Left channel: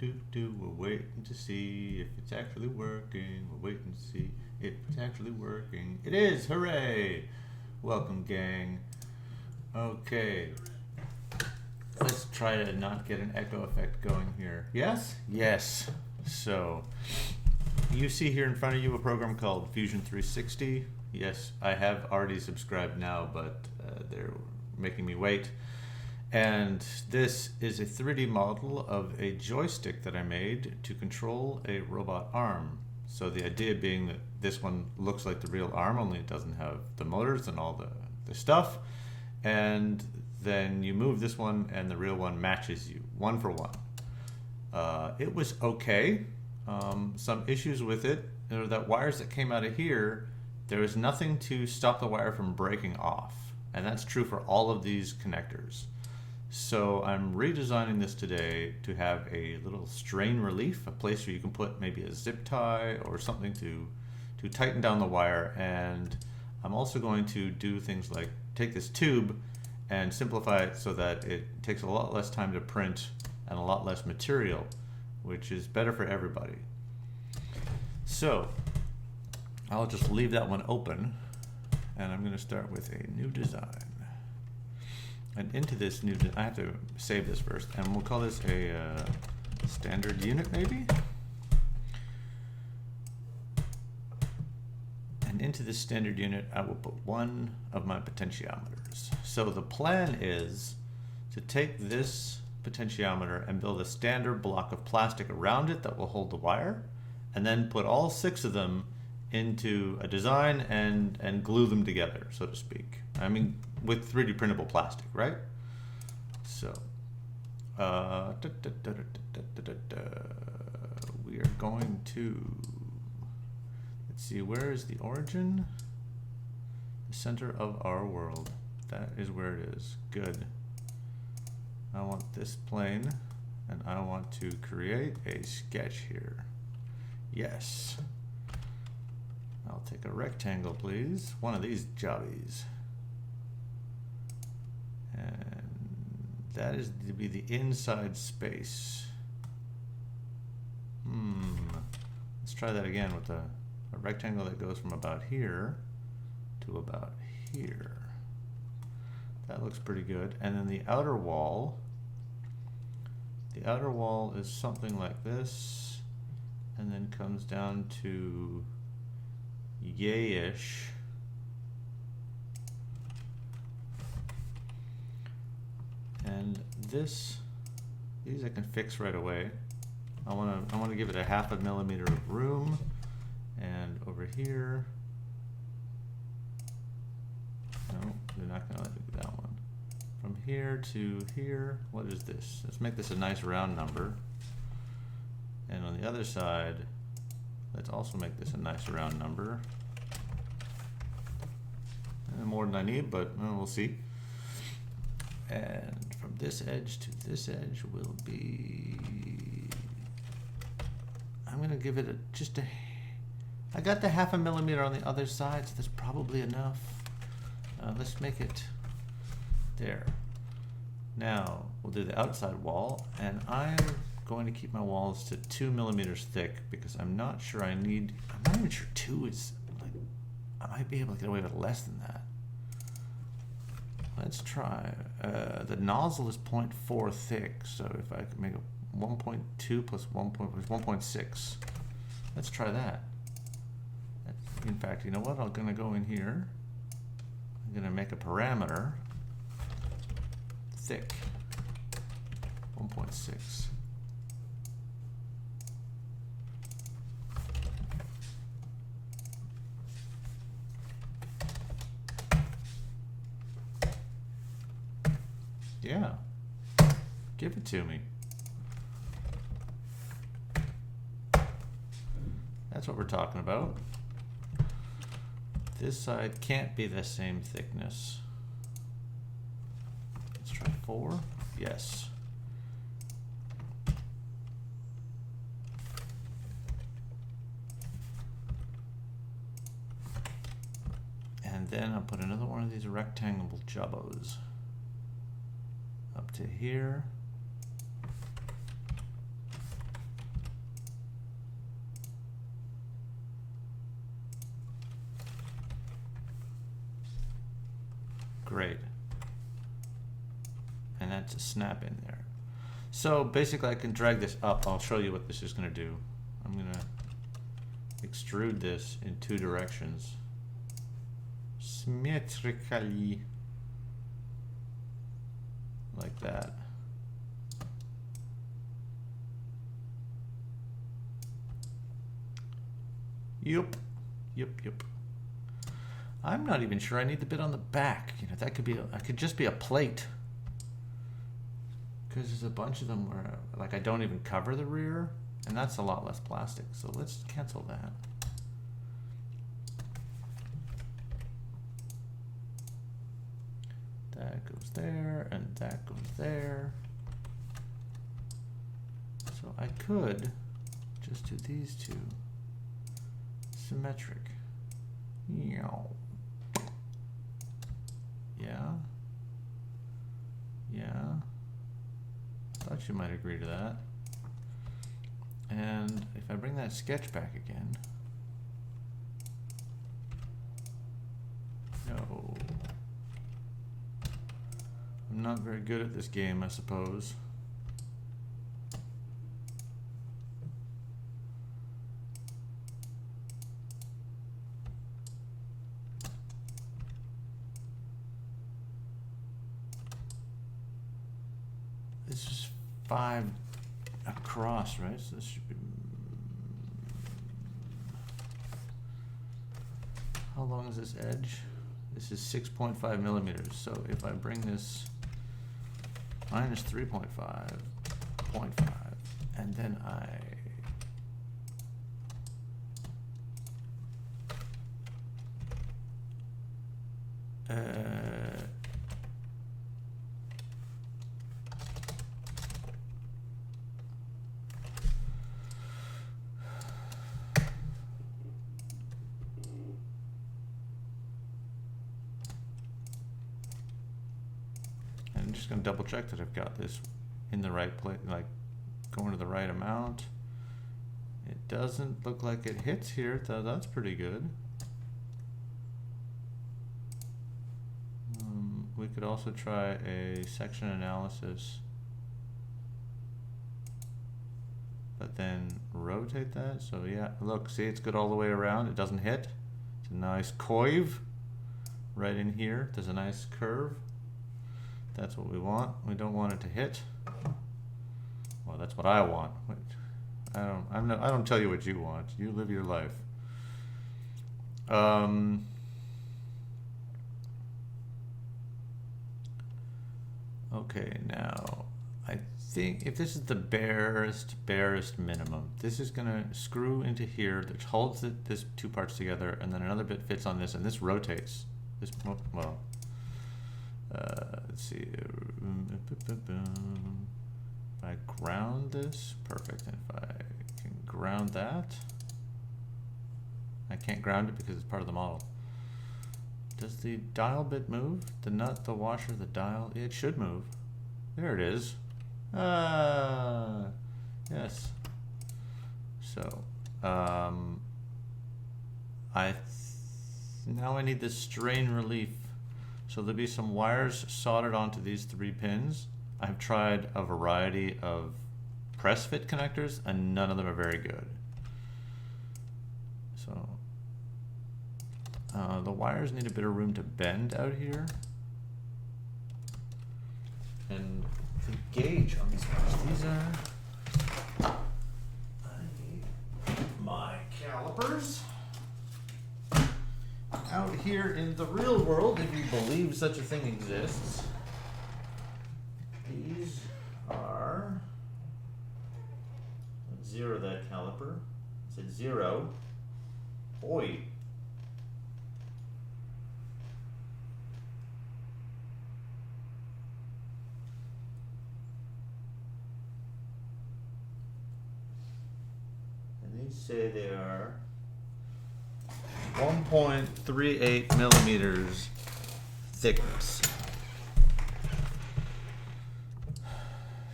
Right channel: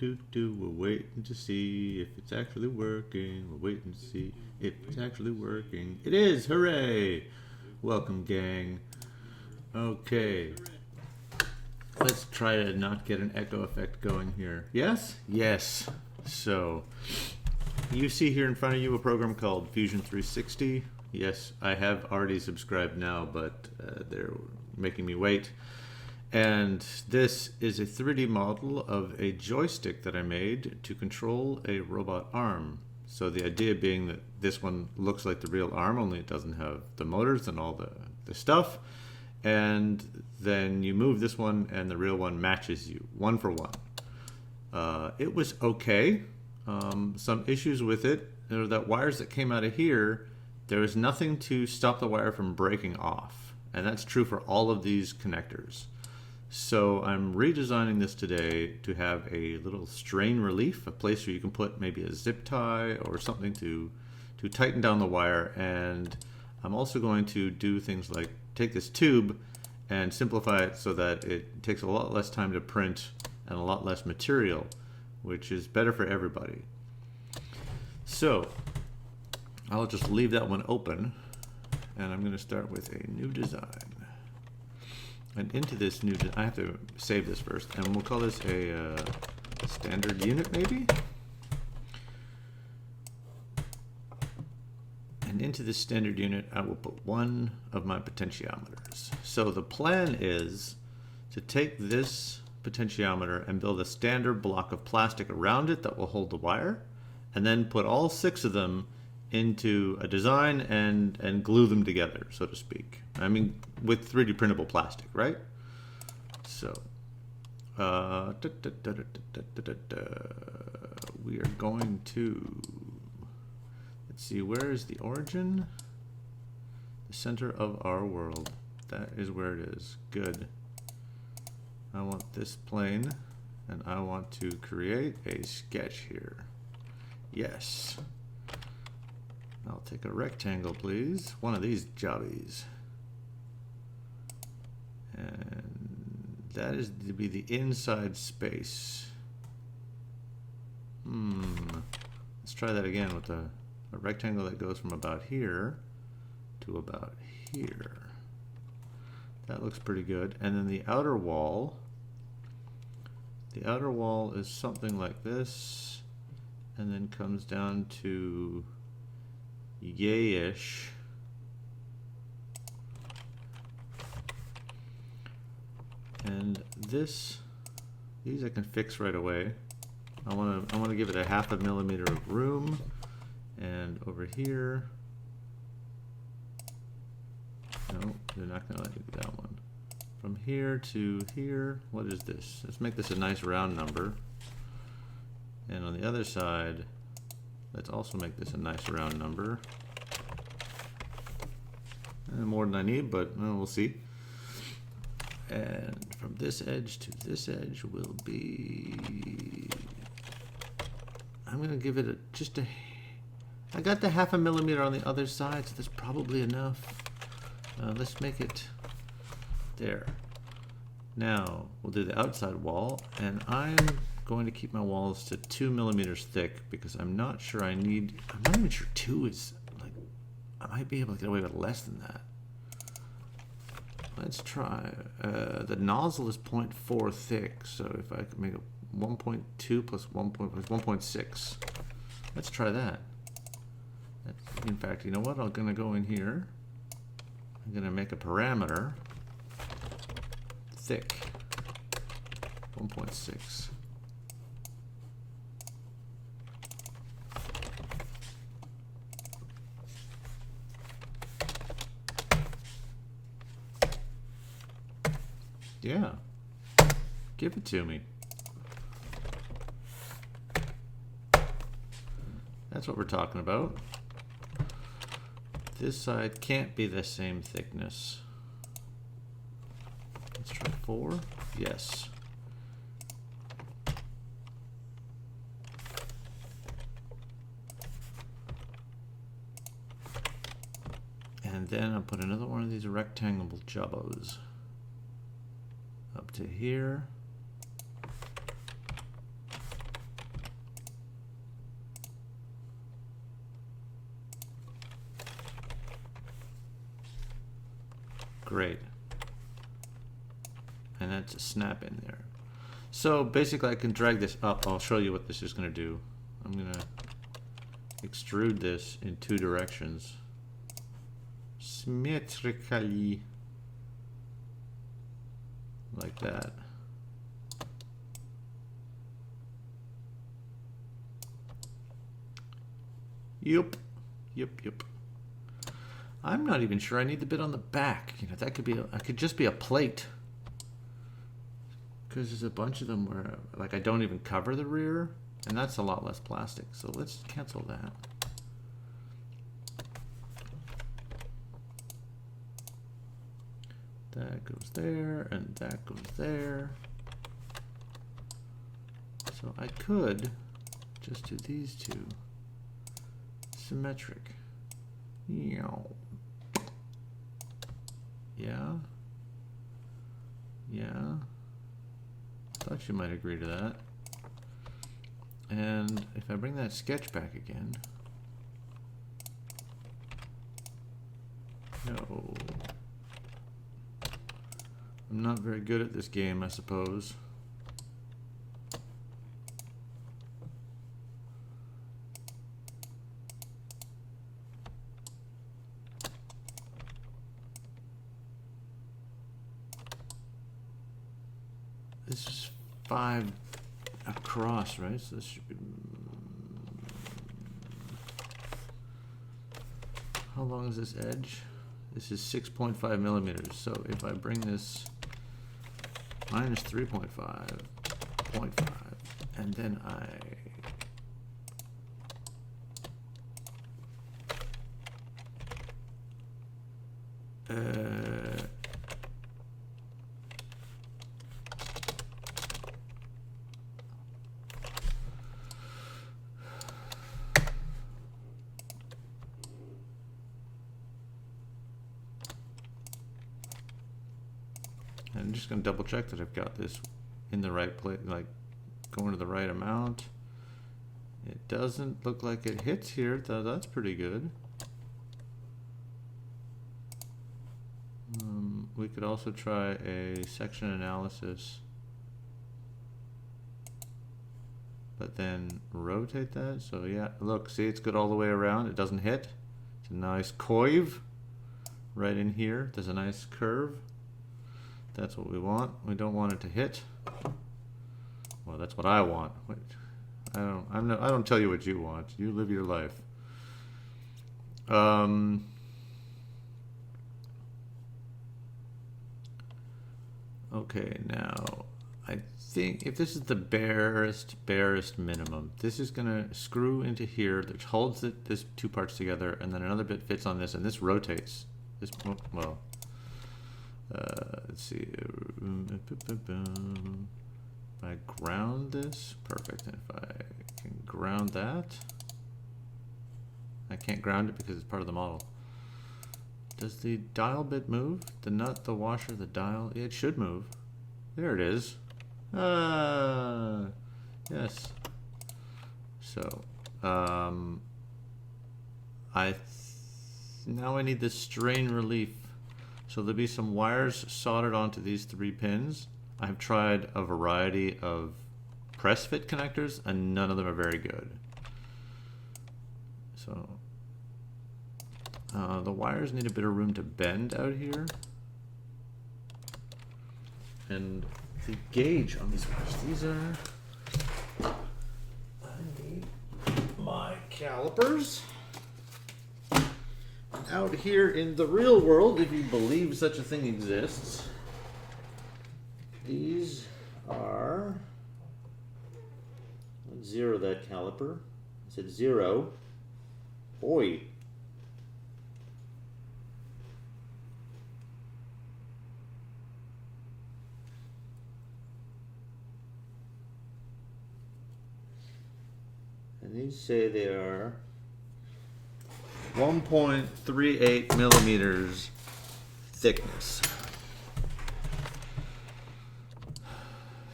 We're waiting to see if it's actually working. We're waiting to see if it's actually working. It is! Hooray! Welcome, gang. Okay. Let's try to not get an echo effect going here. Yes? Yes. So, you see here in front of you a program called Fusion 360. Yes, I have already subscribed now, but they're making me wait. And this is a 3D model of a joystick that I made to control a robot arm. So the idea being that this one looks like the real arm, only it doesn't have the motors and all the stuff. And then you move this one and the real one matches you, one for one. It was okay. Some issues with it are that wires that came out of here, there was nothing to stop the wire from breaking off. And that's true for all of these connectors. So I'm redesigning this today to have a little strain relief, a place where you can put maybe a zip tie or something to tighten down the wire. And I'm also going to do things like take this tube and simplify it so that it takes a lot less time to print and a lot less material, which is better for everybody. So I'll just leave that one open, and I'm going to start with a new design. And into this new, I have to save this first, and we'll call this a standard unit maybe. And into this standard unit, I will put one of my potentiometers. So the plan is to take this potentiometer and build a standard block of plastic around it that will hold the wire, and then put all 6 of them into a design and glue them together, so to speak. I mean, with 3D printable plastic, right? So, we are going to, let's see, where is the origin? The center of our world. That is where it is. Good. I want this plane, and I want to create a sketch here. Yes. I'll take a rectangle, please. One of these jobbies. And that is to be the inside space. Let's try that again with a rectangle that goes from about here to about here. That looks pretty good. And then the outer wall is something like this, and then comes down to yay-ish. And these I can fix right away. I want to give it a 0.5 millimeter of room, and over here, no, they're not going to let me do that one. From here to here, what is this? Let's make this a nice round number. And on the other side, let's also make this a nice round number. More than I need, but we'll see. And from this edge to this edge will be, I'm going to give it I got the 0.5 millimeter on the other side, so that's probably enough. Let's make it there. Now we'll do the outside wall, and I'm going to keep my walls to 2 millimeters thick because I'm not even sure 2 is like, I might be able to get away with less than that. Let's try, the nozzle is 0.4 thick, so if I could make a 1.2 plus 1.6, let's try that. In fact, you know what, I'm gonna go in here, I'm gonna make a parameter, thick, 1.6. Yeah, give it to me. That's what we're talking about. This side can't be the same thickness. Let's try 4. Yes. And then I'll put another one of these rectangle jubbos up to here. Great. And that's a snap in there. So basically I can drag this up. I'll show you what this is going to do. I'm going to extrude this in 2 directions. Symmetrically. Like that. Yup. I'm not even sure I need the bit on the back. You know, that could be, I could just be a plate. Because there's a bunch of them where, like, I don't even cover the rear, and that's a lot less plastic. So let's cancel that. That goes there, and that goes there. So I could just do these 2. Symmetric. Yeah. Thought you might agree to that. And if I bring that sketch back again. No. I'm not very good at this game, I suppose. This is 5 across, right? So this should be... How long is this edge? This is 6.5 millimeters. So if I bring this minus 3.5, 0.5, and then I'm just going to double check that I've got this in the right place, like going to the right amount. It doesn't look like it hits here, so that's pretty good. We could also try a section analysis, but then rotate that. So yeah, look, see, it's good all the way around. It doesn't hit. It's a nice curve right in here. There's a nice curve. That's what we want. We don't want it to hit. Well, that's what I want. I don't tell you what you want. You live your life. Okay, now I think if this is the barest minimum, this is gonna screw into here, which holds this 2 parts together, and then another bit fits on this, and this rotates. This, well, let's see. If I ground this, perfect. And if I can ground that, I can't ground it because it's part of the model. Does the dial bit move? The nut, the washer, the dial? It should move. There it is. Yes. So, now I need this strain relief. So there'll be some wires soldered onto these 3 pins. I've tried a variety of press fit connectors, and none of them are very good. So the wires need a bit of room to bend out here. And the gauge on these wires, I need my calipers. Out here in the real world, if you believe such a thing exists, these are, let's zero that caliper. I said 0. Boy. And these say they are 1.38 millimeters thickness.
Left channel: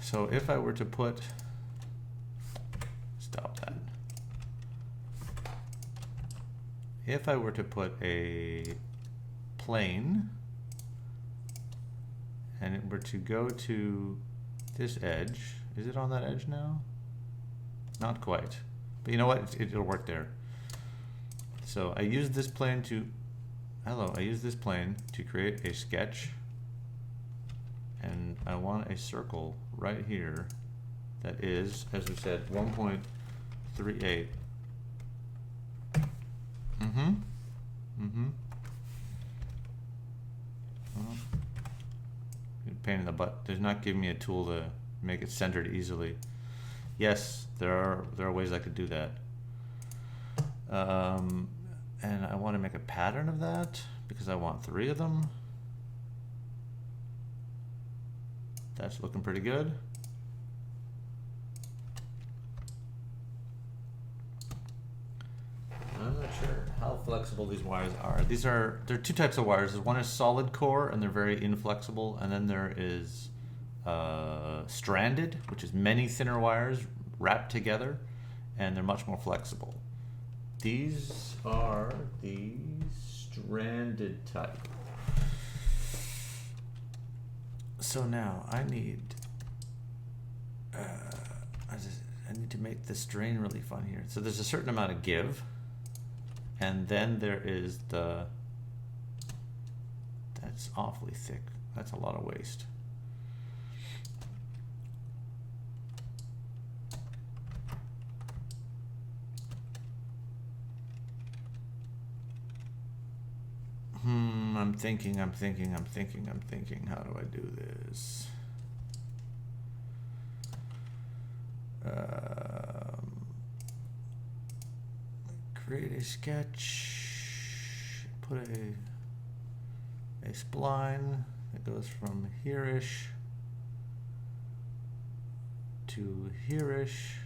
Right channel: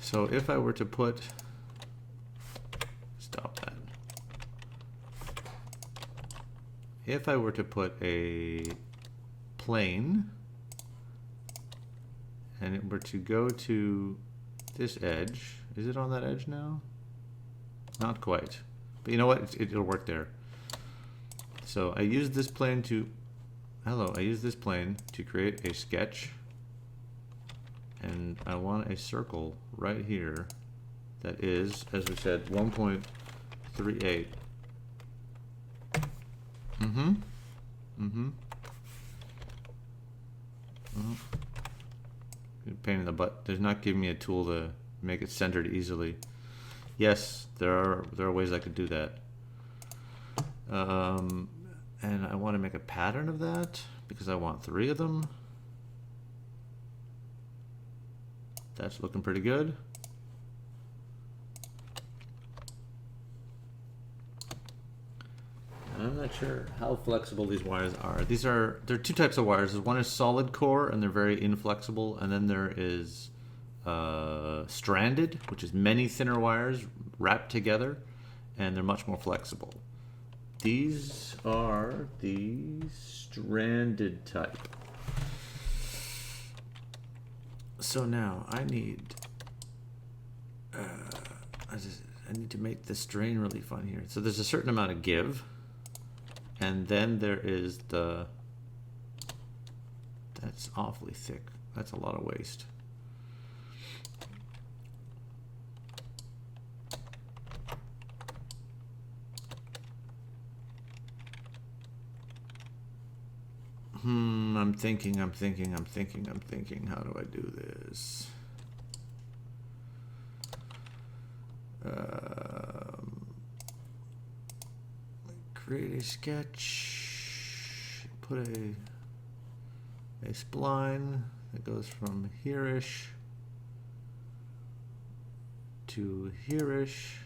So if I were to put, stop that. If I were to put a plane and we're to go to this edge. Is it on that edge now? Not quite. But you know what? It'll work there. So I use this plane to... Hello, I use this plane to create a sketch. And I want a circle right here that is, as we said, 1.38. Well, pain in the butt. There's not giving me a tool to make it centered easily. Yes, there are ways I could do that. And I want to make a pattern of that because I want 3 of them. That's looking pretty good. I'm not sure how flexible these wires are. There are 2 types of wires. One is solid core, and they're very inflexible. And then there is stranded, which is many thinner wires wrapped together, and they're much more flexible. These are the stranded type. So now I need I need to make the strain really fun here. So there's a certain amount of give, and then there is the... That's awfully thick. That's a lot of waste. I'm thinking. How do I do this? Create a sketch. Put a spline that goes from here-ish to here-ish.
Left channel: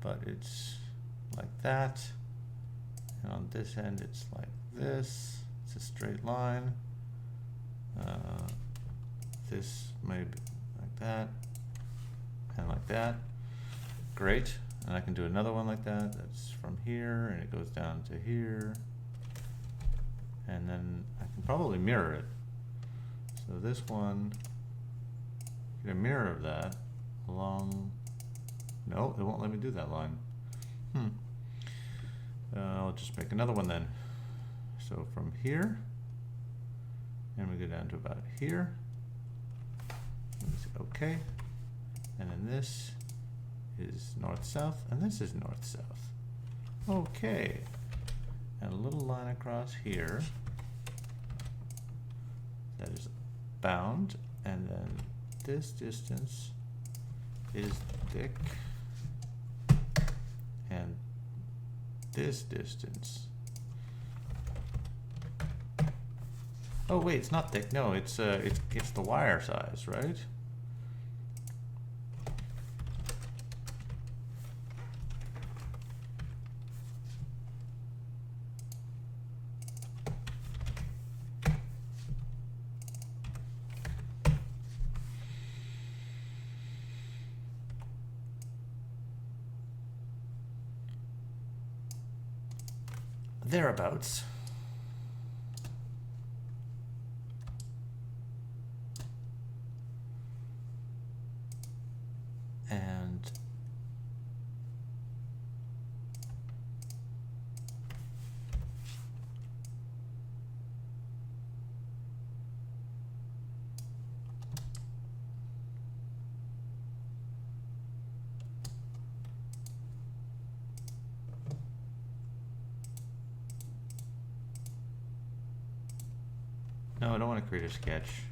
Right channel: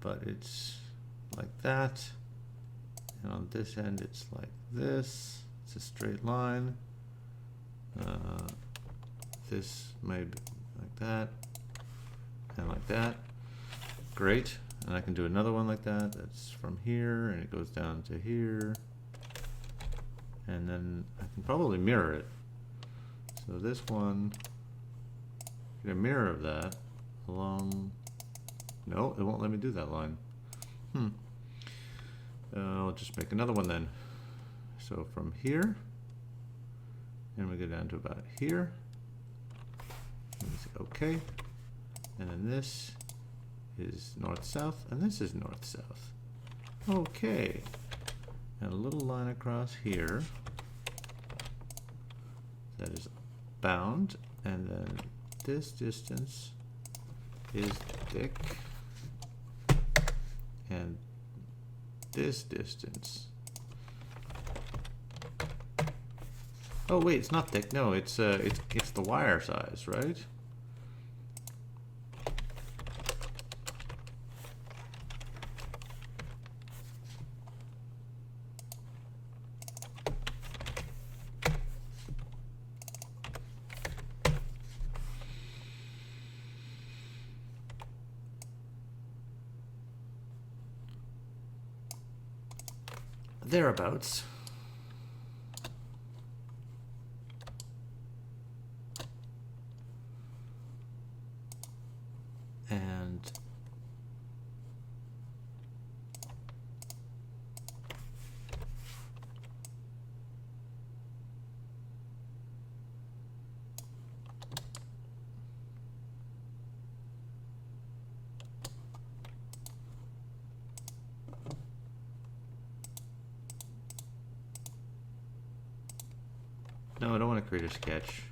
But it's like that. And on this end, it's like this. It's a straight line. This may be like that, and like that. Great. And I can do another one like that. That's from here, and it goes down to here. And then I can probably mirror it. So this one, get a mirror of that along. No, it won't let me do that line. I'll just make another one then. So from here, and we go down to about here. And we say okay. And then this is north-south, and this is north-south. Okay. And a little line across here that is bound, and then this distance is thick, and this distance. Oh wait, it's not thick. No, it's the wire size, right? Thereabouts. And no, I don't want to create a sketch.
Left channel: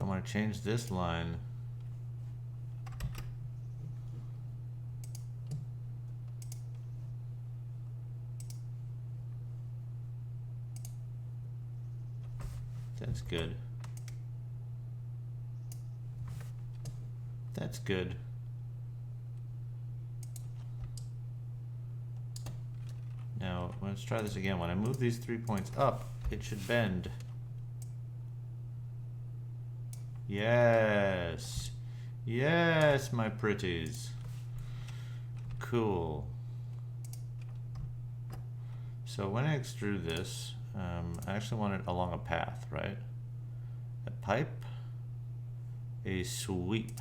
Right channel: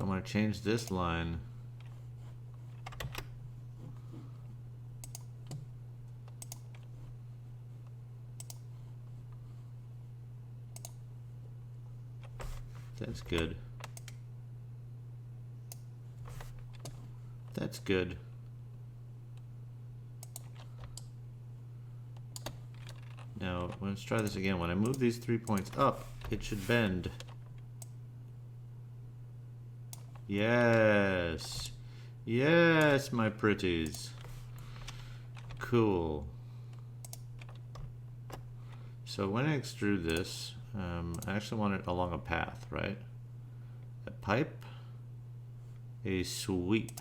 I want to change this line. That's good. That's good. Now, let's try this again. When I move these 3 points up, it should bend. Yes. Yes, my pretties. Cool. So when I extrude this, I actually want it along a path, right? A pipe, a sweep.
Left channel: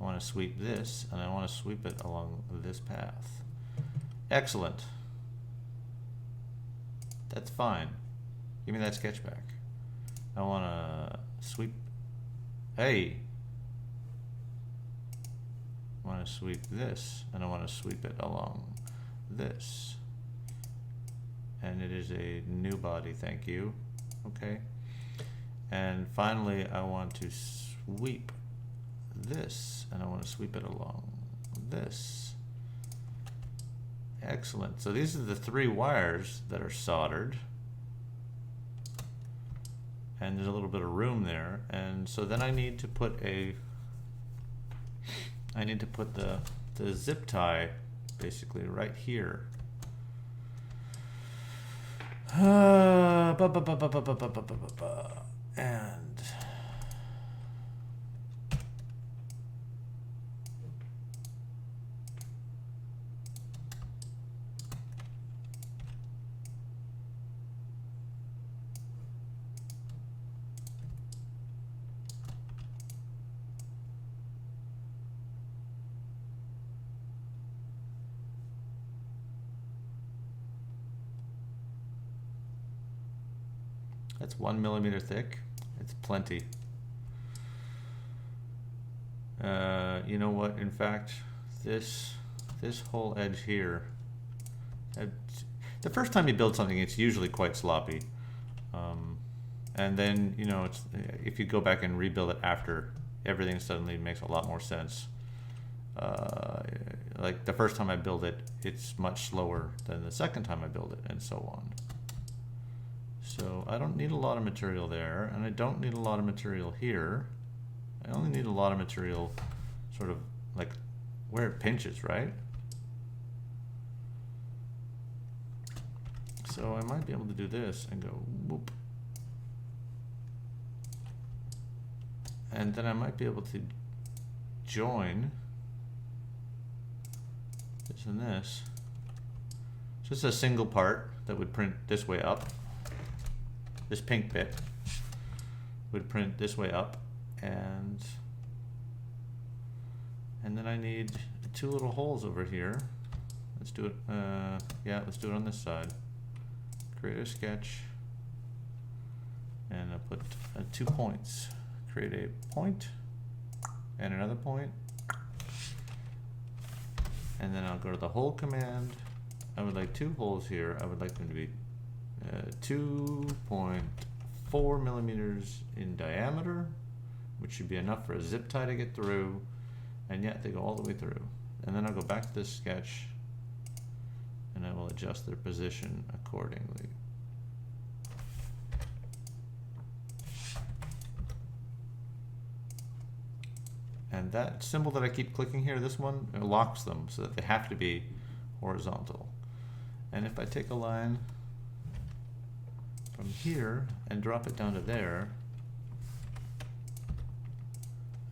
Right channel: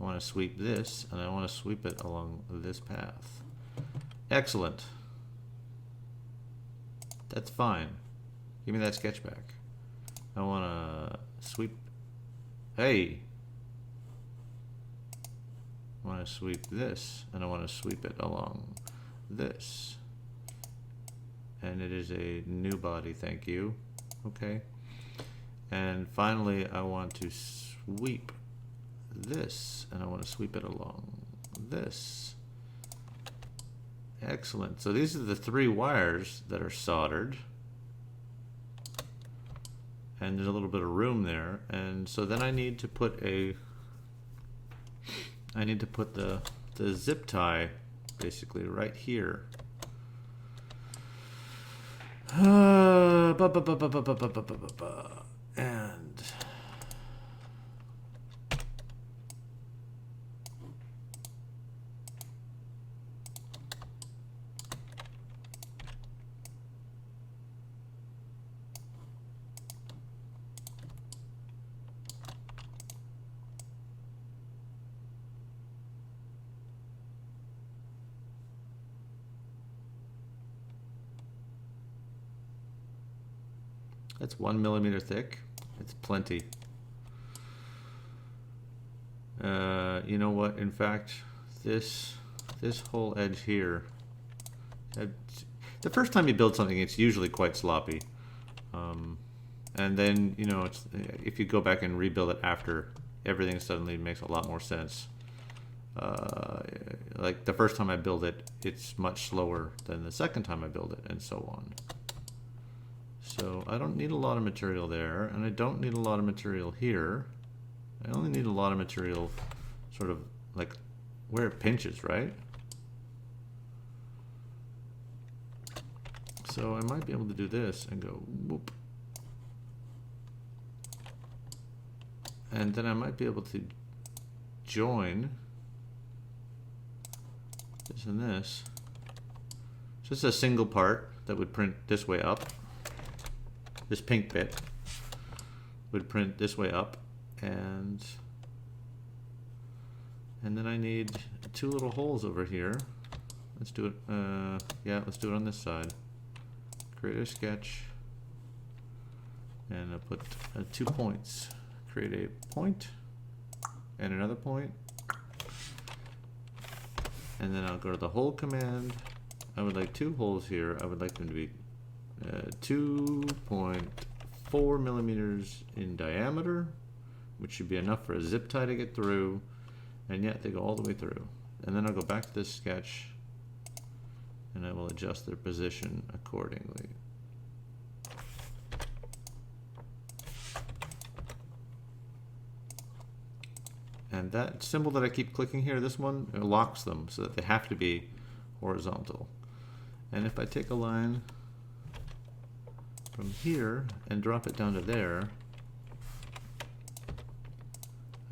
I want to sweep this, and I want to sweep it along this path. Excellent. That's fine. Give me that sketch back. I want to sweep. Hey! I want to sweep this, and I want to sweep it along this. And it is a new body, thank you. Okay. And finally, I want to sweep this, and I want to sweep it along this. Excellent. So these are the 3 wires that are soldered. And there's a little bit of room there. And so then I need to put the zip tie basically right here. And that's 1 millimeter thick. It's plenty. You know what? In fact, this whole edge here. The first time you build something, it's usually quite sloppy, and then if you go back and rebuild it after, everything suddenly makes a lot more sense. Like the first time I build it, it's much slower than the second time I build it, and so on. So I don't need a lot of material there, and I don't need a lot of material here. I only need a lot of material sort of like where it pinches, right? So I might be able to do this and go whoop. And then I might be able to join this and this. Just a single part that would print this way up. This pink bit would print this way up, and then I need 2 little holes over here. Let's do it. Yeah, let's do it on this side. Create a sketch, and I'll put 2 points. Create a point and another point, and then I'll go to the hole command. I would like 2 holes here. I would like them to be 2.4 millimeters in diameter, which should be enough for a zip tie to get through, and yet they go all the way through. And then I'll go back to this sketch, and I will adjust their position accordingly. And that symbol that I keep clicking here, this one, it locks them so that they have to be horizontal. And if I take a line from here and drop it down to there,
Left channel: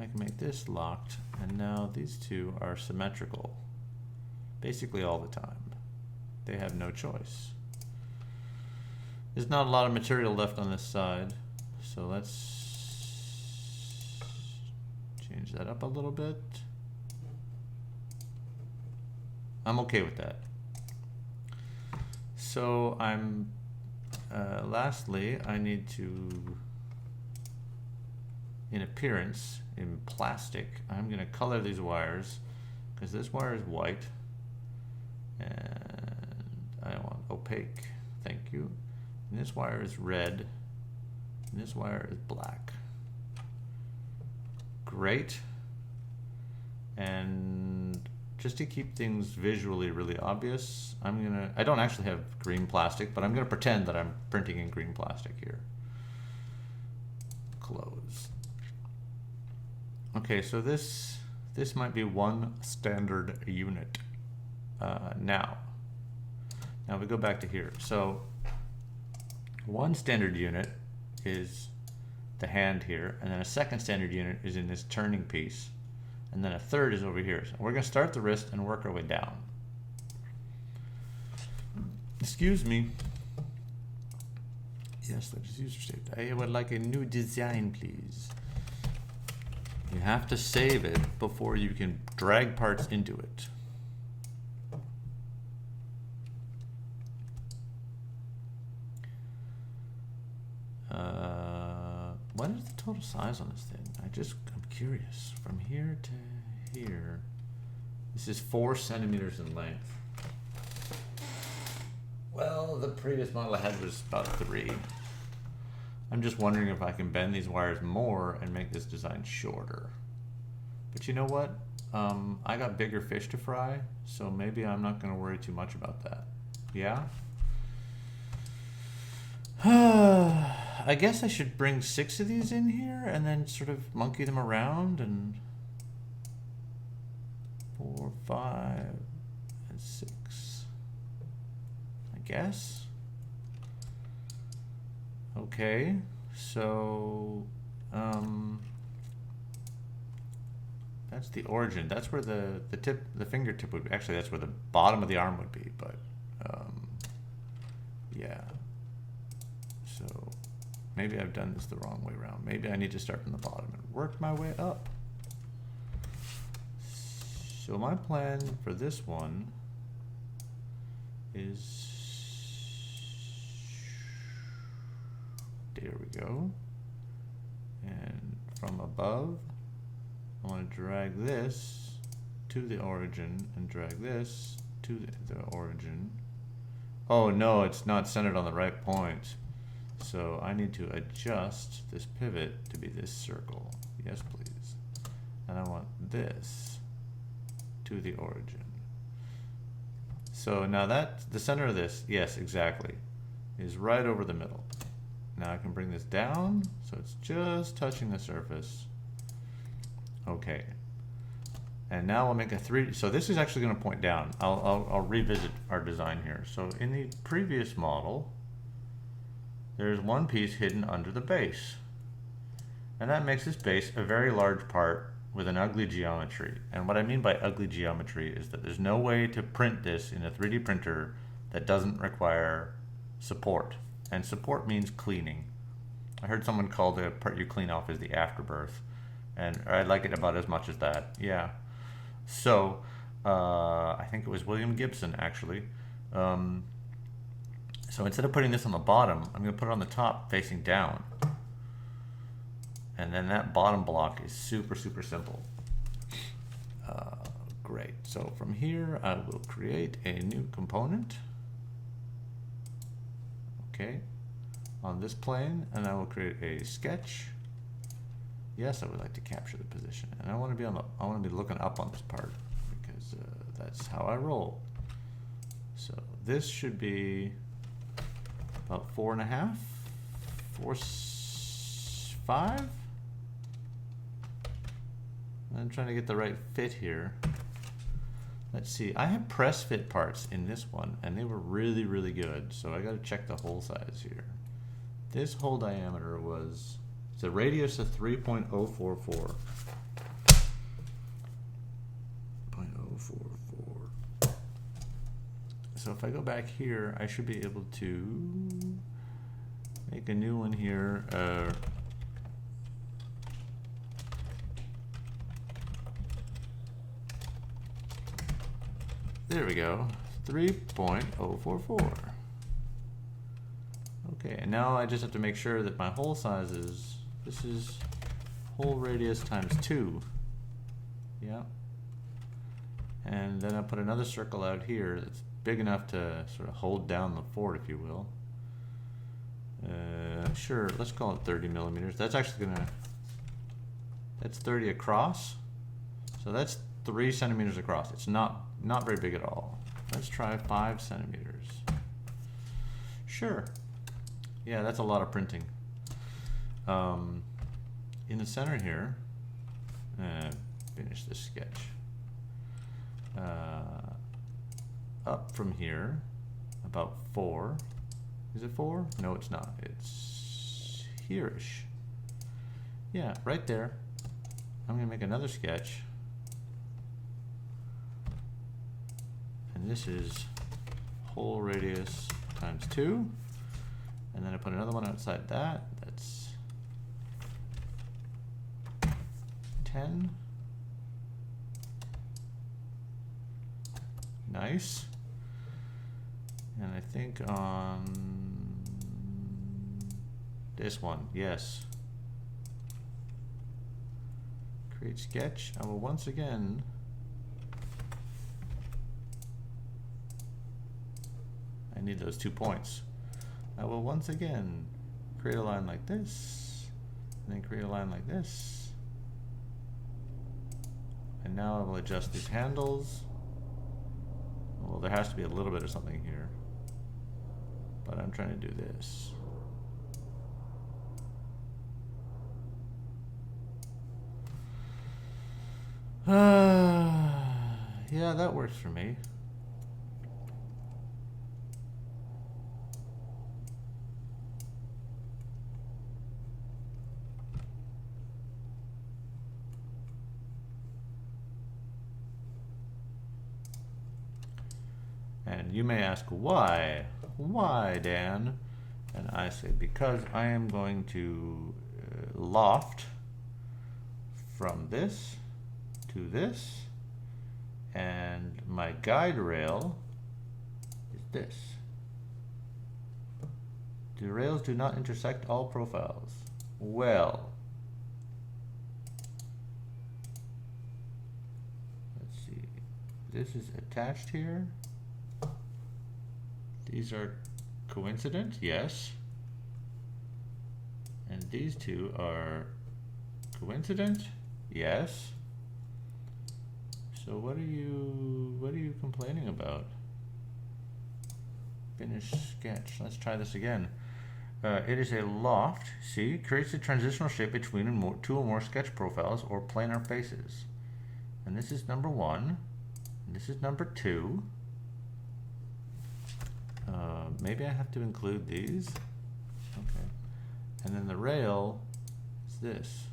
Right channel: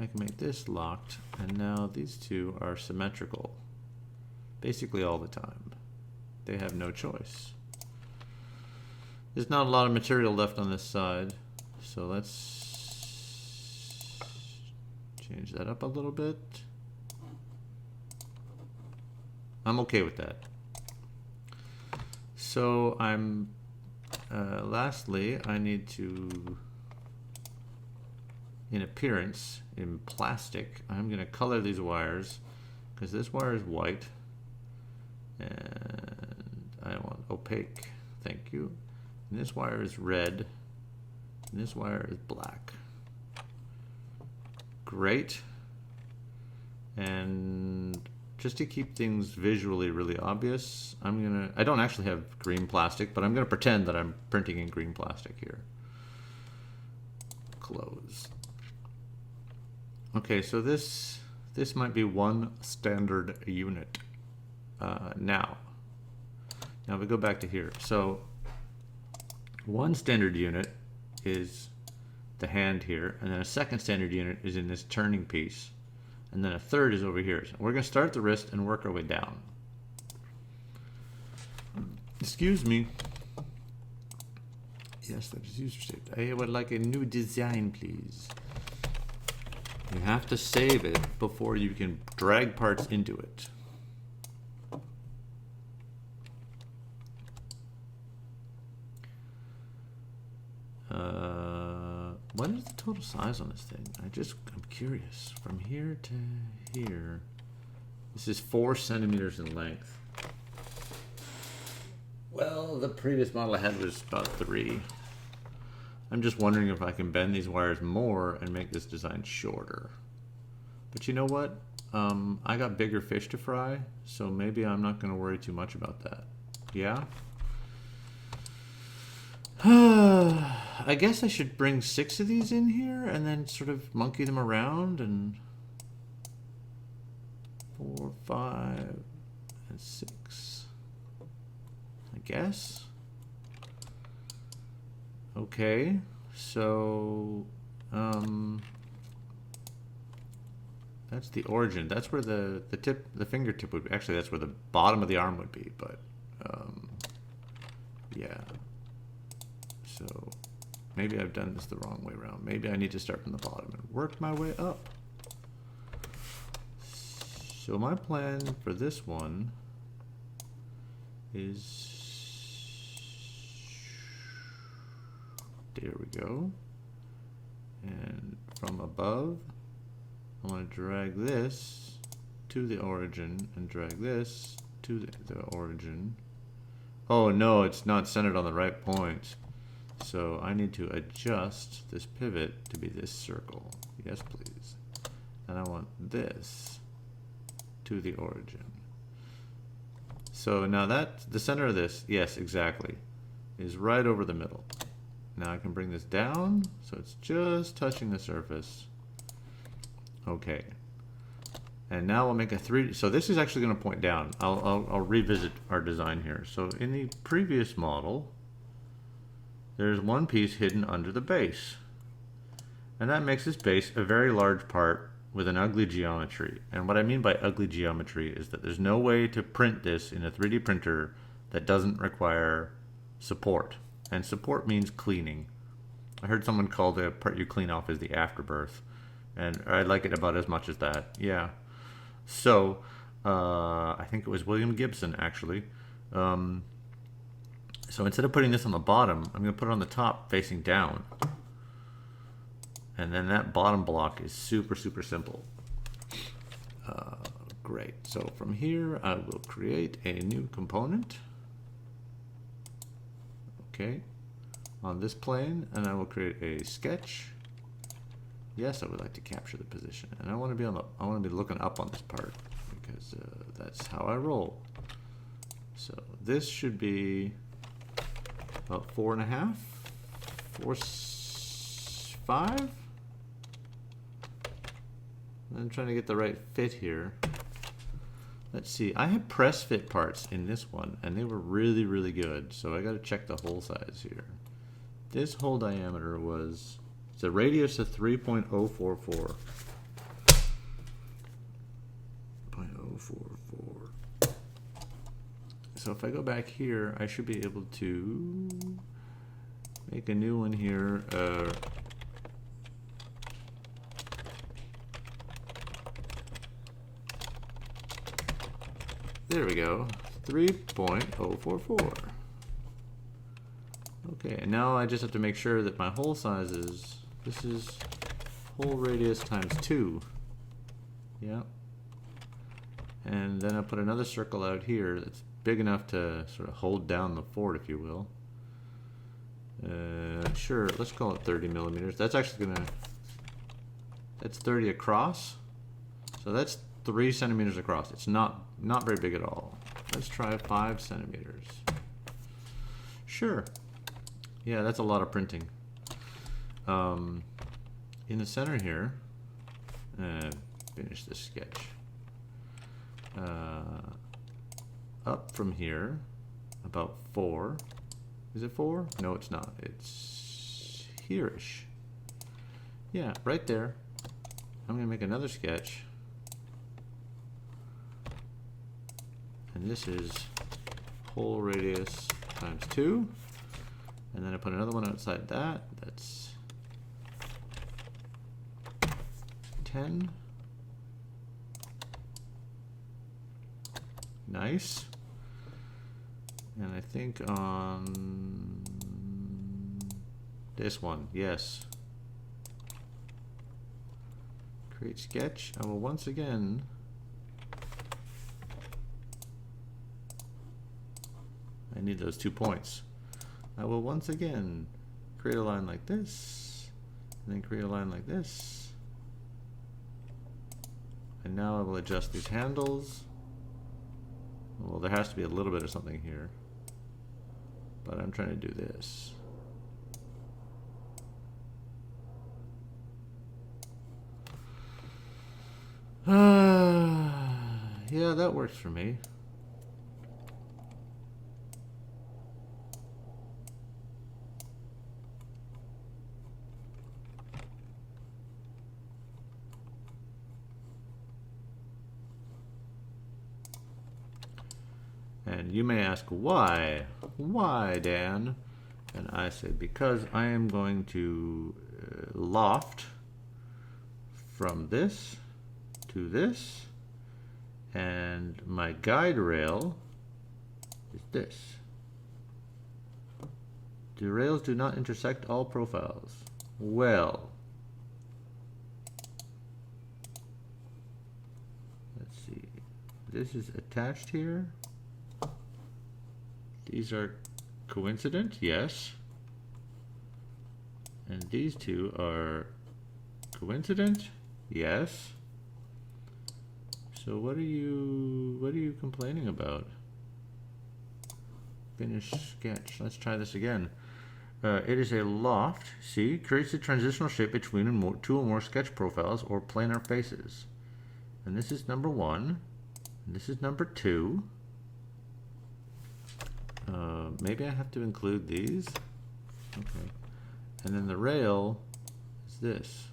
I can make this locked, and now these 2 are symmetrical basically all the time. They have no choice. There's not a lot of material left on this side, so let's change that up a little bit. I'm okay with that. So I'm lastly, I need to, in appearance, in plastic, I'm going to color these wires, because this wire is white, and I want opaque, thank you. And this wire is red, and this wire is black. Great. And just to keep things visually really obvious, I don't actually have green plastic, but I'm gonna pretend that I'm printing in green plastic here. Close. Okay, so this might be 1 standard unit. Now we go back to here. So 1 standard unit is the hand here, and then a 2nd standard unit is in this turning piece, and then a 3rd is over here. So we're going to start the wrist and work our way down. Excuse me. Yes, that is user saved. I would like a new design, please. You have to save it before you can drag parts into it. What is the total size on this thing? I'm curious. From here to here, this is 4 centimeters in length. Well, the previous model I had was about 3. I'm just wondering if I can bend these wires more and make this design shorter. But you know what? I got bigger fish to fry, so maybe I'm not going to worry too much about that. Yeah? I guess I should bring 6 of these in here and then sort of monkey them around, and 4, 5, and 6. I guess. Okay, so that's the origin. That's where the fingertip would be. Actually, that's where the bottom of the arm would be, but yeah. So maybe I've done this the wrong way around. Maybe I need to start from the bottom and work my way up. So my plan for this one is, there we go. And from above, I want to drag this to the origin and drag this to the origin. Oh no, it's not centered on the right point. So I need to adjust this pivot to be this circle. Yes, please. And I want this to the origin. So now that the center of this, yes, exactly, is right over the middle. Now I can bring this down so it's just touching the surface. Okay. And now we'll make a 3D. So this is actually going to point down. I'll revisit our design here. So in the previous model, there's one piece hidden under the base. And that makes this base a very large part with an ugly geometry. And what I mean by ugly geometry is that there's no way to print this in a 3D printer that doesn't require support. And support means cleaning. I heard someone call the part you clean off as the afterbirth. And I like it about as much as that. Yeah. So, I think it was William Gibson, actually. So instead of putting this on the bottom, I'm going to put it on the top facing down. And then that bottom block is super, super simple. Great. So from here, I will create a new component. Okay. On this plane, and I will create a sketch. Yes, I would like to capture the position. And I want to be looking up on this part because that's how I roll. So this should be about 4.5, 5. I'm trying to get the right fit here. Let's see. I had press fit parts in this one, and they were really, really good. So I got to check the hole size here. This hole diameter was, it's a radius of 3.044. 0.044. So if I go back here, I should be able to make a new one here. There we go, 3.044. Okay, and now I just have to make sure that my hole size is, this is hole radius times 2. Yeah. And then I put another circle out here that's big enough to sort of hold down the fort, if you will. Sure, let's call it 30 millimeters. That's actually gonna, that's 30 across. So that's 3 centimeters across. It's not very big at all. Let's try 5 centimeters. Sure. Yeah, that's a lot of printing. In the center here, finish this sketch. Up from here, about 4. Is it 4? No, it's not. It's here-ish. Yeah, right there. I'm going to make another sketch. And this is hole radius times 2. And then I put another one outside that. That's 10. Nice. And I think on this one, yes. Create sketch. I will once again I need those 2 points. I will once again create a line like this, and then create a line like this. And now I will adjust these handles. Well, there has to be a little bit of something here, but I'm trying to do this. Yeah, that works for me. And you may ask, why? Why, Dan? And I say, because I am going to loft from this to this, and my guide rail is this. The rails do not intersect all profiles. Well, let's see. This is attached here. These are coincident, yes. And these two are coincident, yes. So what are you complaining about? Finish sketch. Let's try this again. It is a loft. See, creates a transitional shape between two or more sketch profiles or planar faces. And this is number 1. And this is number 2. Maybe I have to include these. Okay. And then the rail is this.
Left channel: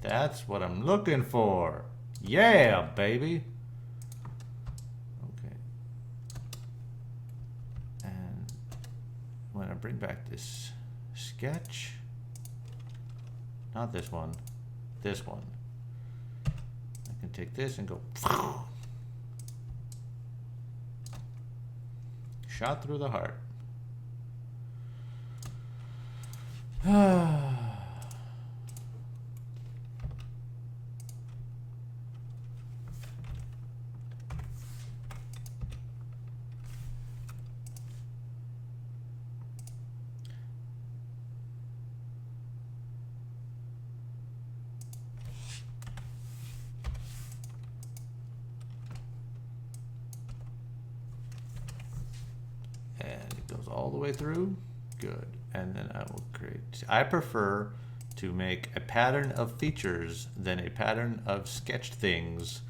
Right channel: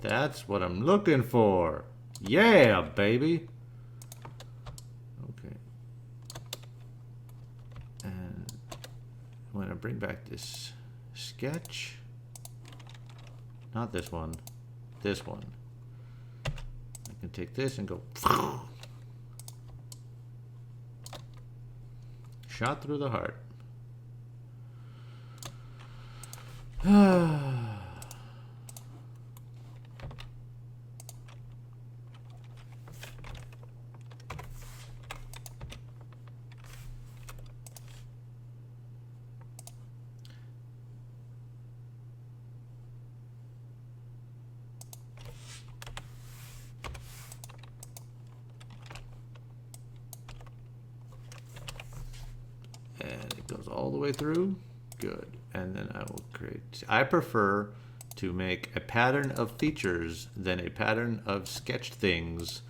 That's what I'm looking for. Yeah, baby. Okay. And when I bring back this sketch, not this one, this one, I can take this and go shot through the heart. And it goes all the way through. Good. And then I will create, I prefer to make a pattern of features than a pattern of sketched things.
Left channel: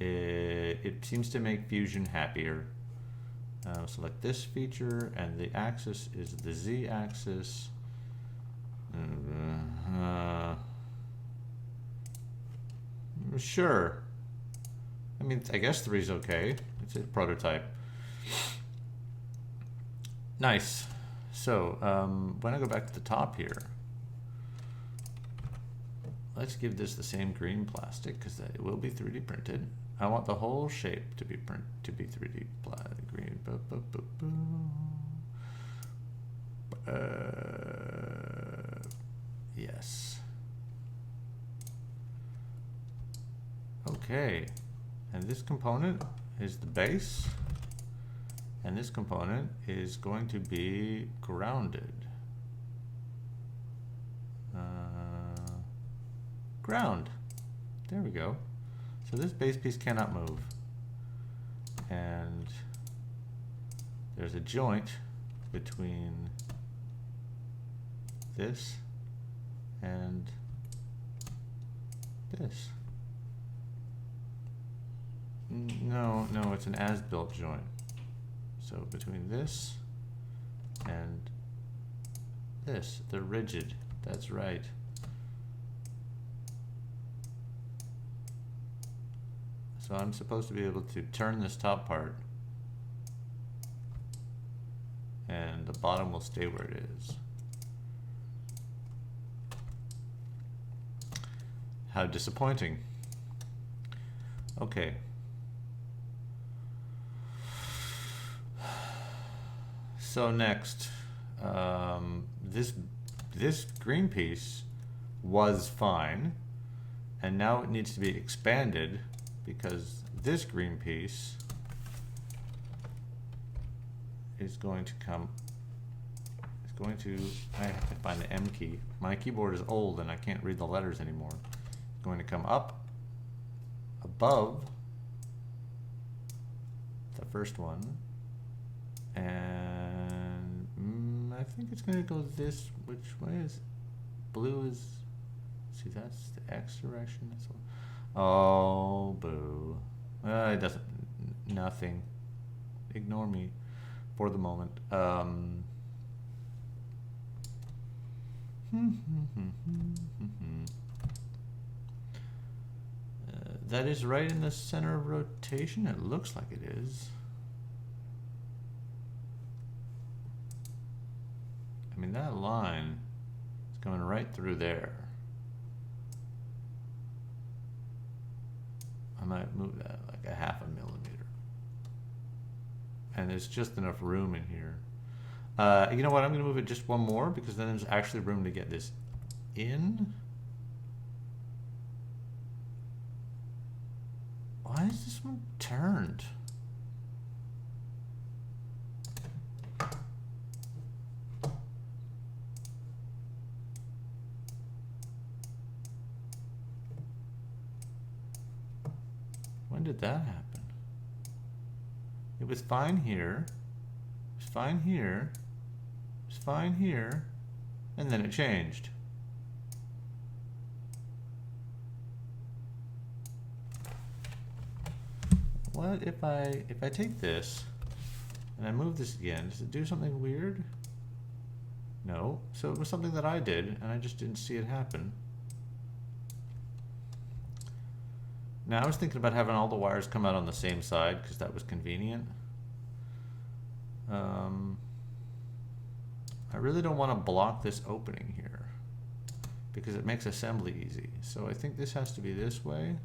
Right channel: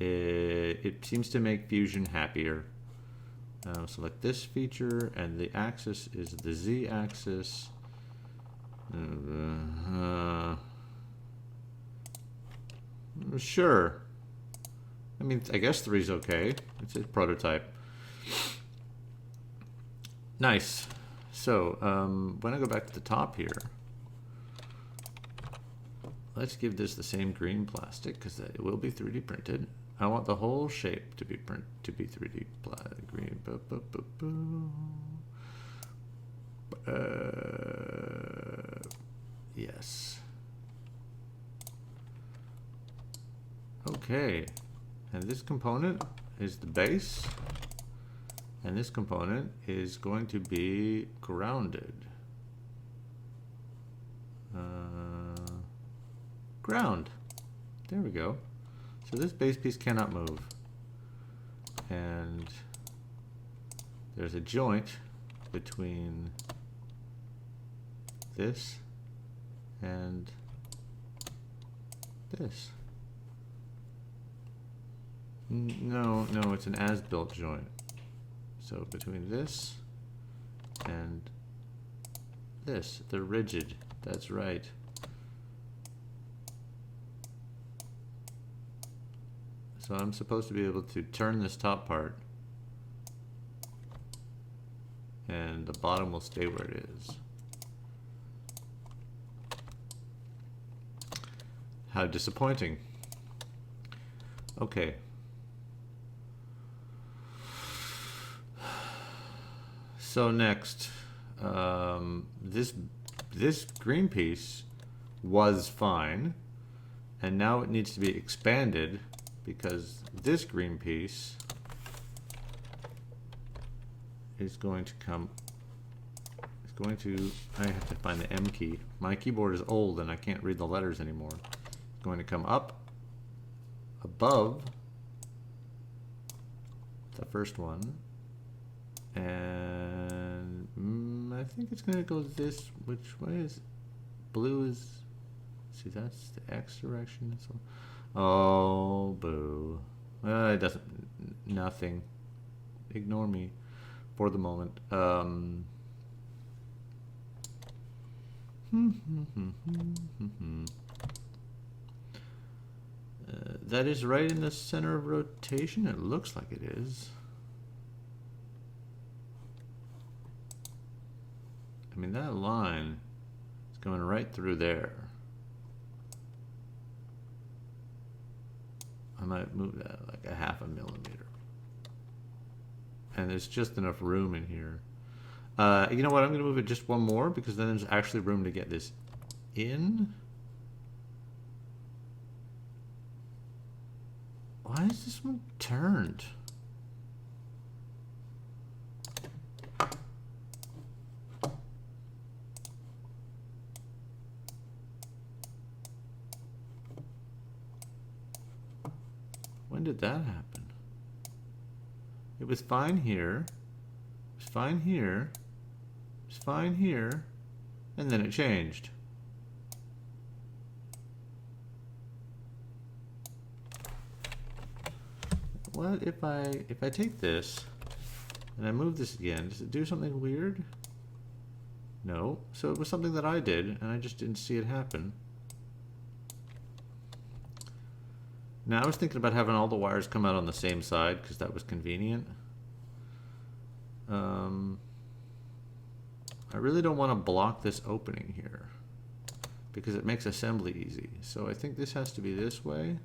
It seems to make Fusion happier. Select this feature, and the axis is the Z axis. Sure. I mean, I guess 3 is okay. It's a prototype. Nice. So when I go back to the top here, let's give this the same green plastic because it will be 3D printed. I want the whole shape to be 3D green. Yes. Okay. And this component is the base. And this component is going to be grounded. Ground. There we go. So this base piece cannot move. And there's a joint between this and this. No, it's an as-built joint. So between this and this? They're rigid. That's right. So I'm supposed to be able to turn this top part and the bottom will stay where it is. How disappointing. Okay. So next, this green piece was fine, and now it needs to be expanded because this green piece is going to come. It's going to. I have to find the M key. My keyboard is old and I can't read the letters anymore. It's going to come up above the first one. And I think it's going to go this, which way is blue is, see that's the X direction. This one. Oh, boo. It doesn't, nothing. Ignore me for the moment. That is right in the center of rotation. It looks like it is. I mean, that line is going right through there. I might move that like a 0.5 millimeter. And there's just enough room in here. You know what? I'm going to move it just one more because then there's actually room to get this in. Why is this one turned? When did that happen? It was fine here. It was fine here. It was fine here. And then it changed. What if I take this and I move this again? Does it do something weird? No. So it was something that I did and I just didn't see it happen. Now I was thinking about having all the wires come out on the same side because that was convenient. I really don't want to block this opening here because it makes assembly easy. So I think this has to be this way.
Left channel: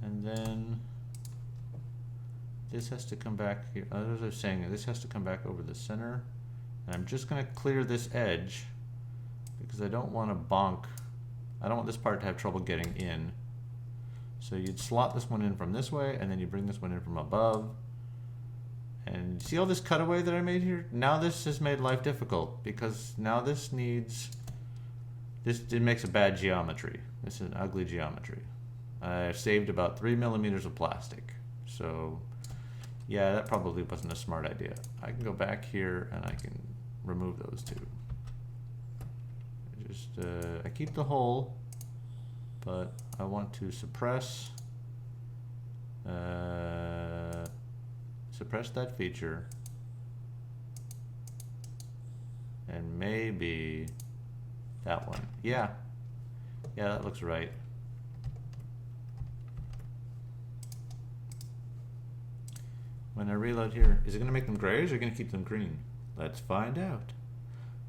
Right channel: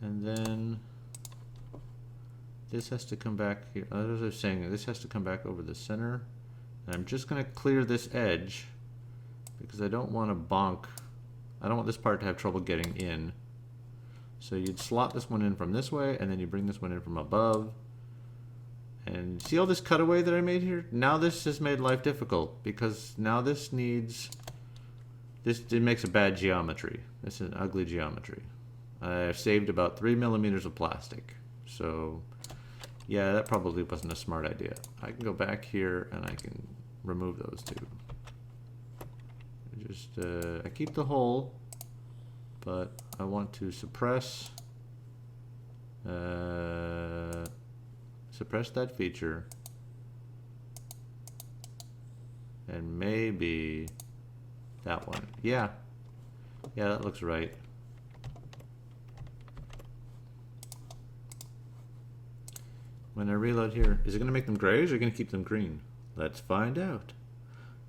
And then this has to come back here. As I was saying, this has to come back over the center. And I'm just going to clear this edge because I don't want to bonk. I don't want this part to have trouble getting in. So you'd slot this one in from this way, and then you bring this one in from above. And see all this cutaway that I made here? Now this has made life difficult because now this needs, it makes a bad geometry. This is an ugly geometry. I've saved about 3 millimeters of plastic. So yeah, that probably wasn't a smart idea. I can go back here and I can remove those two. Just, I keep the hole, but I want to suppress that feature, and maybe that one. Yeah, that looks right. When I reload here, is it going to make them grays or going to keep them green? Let's find out.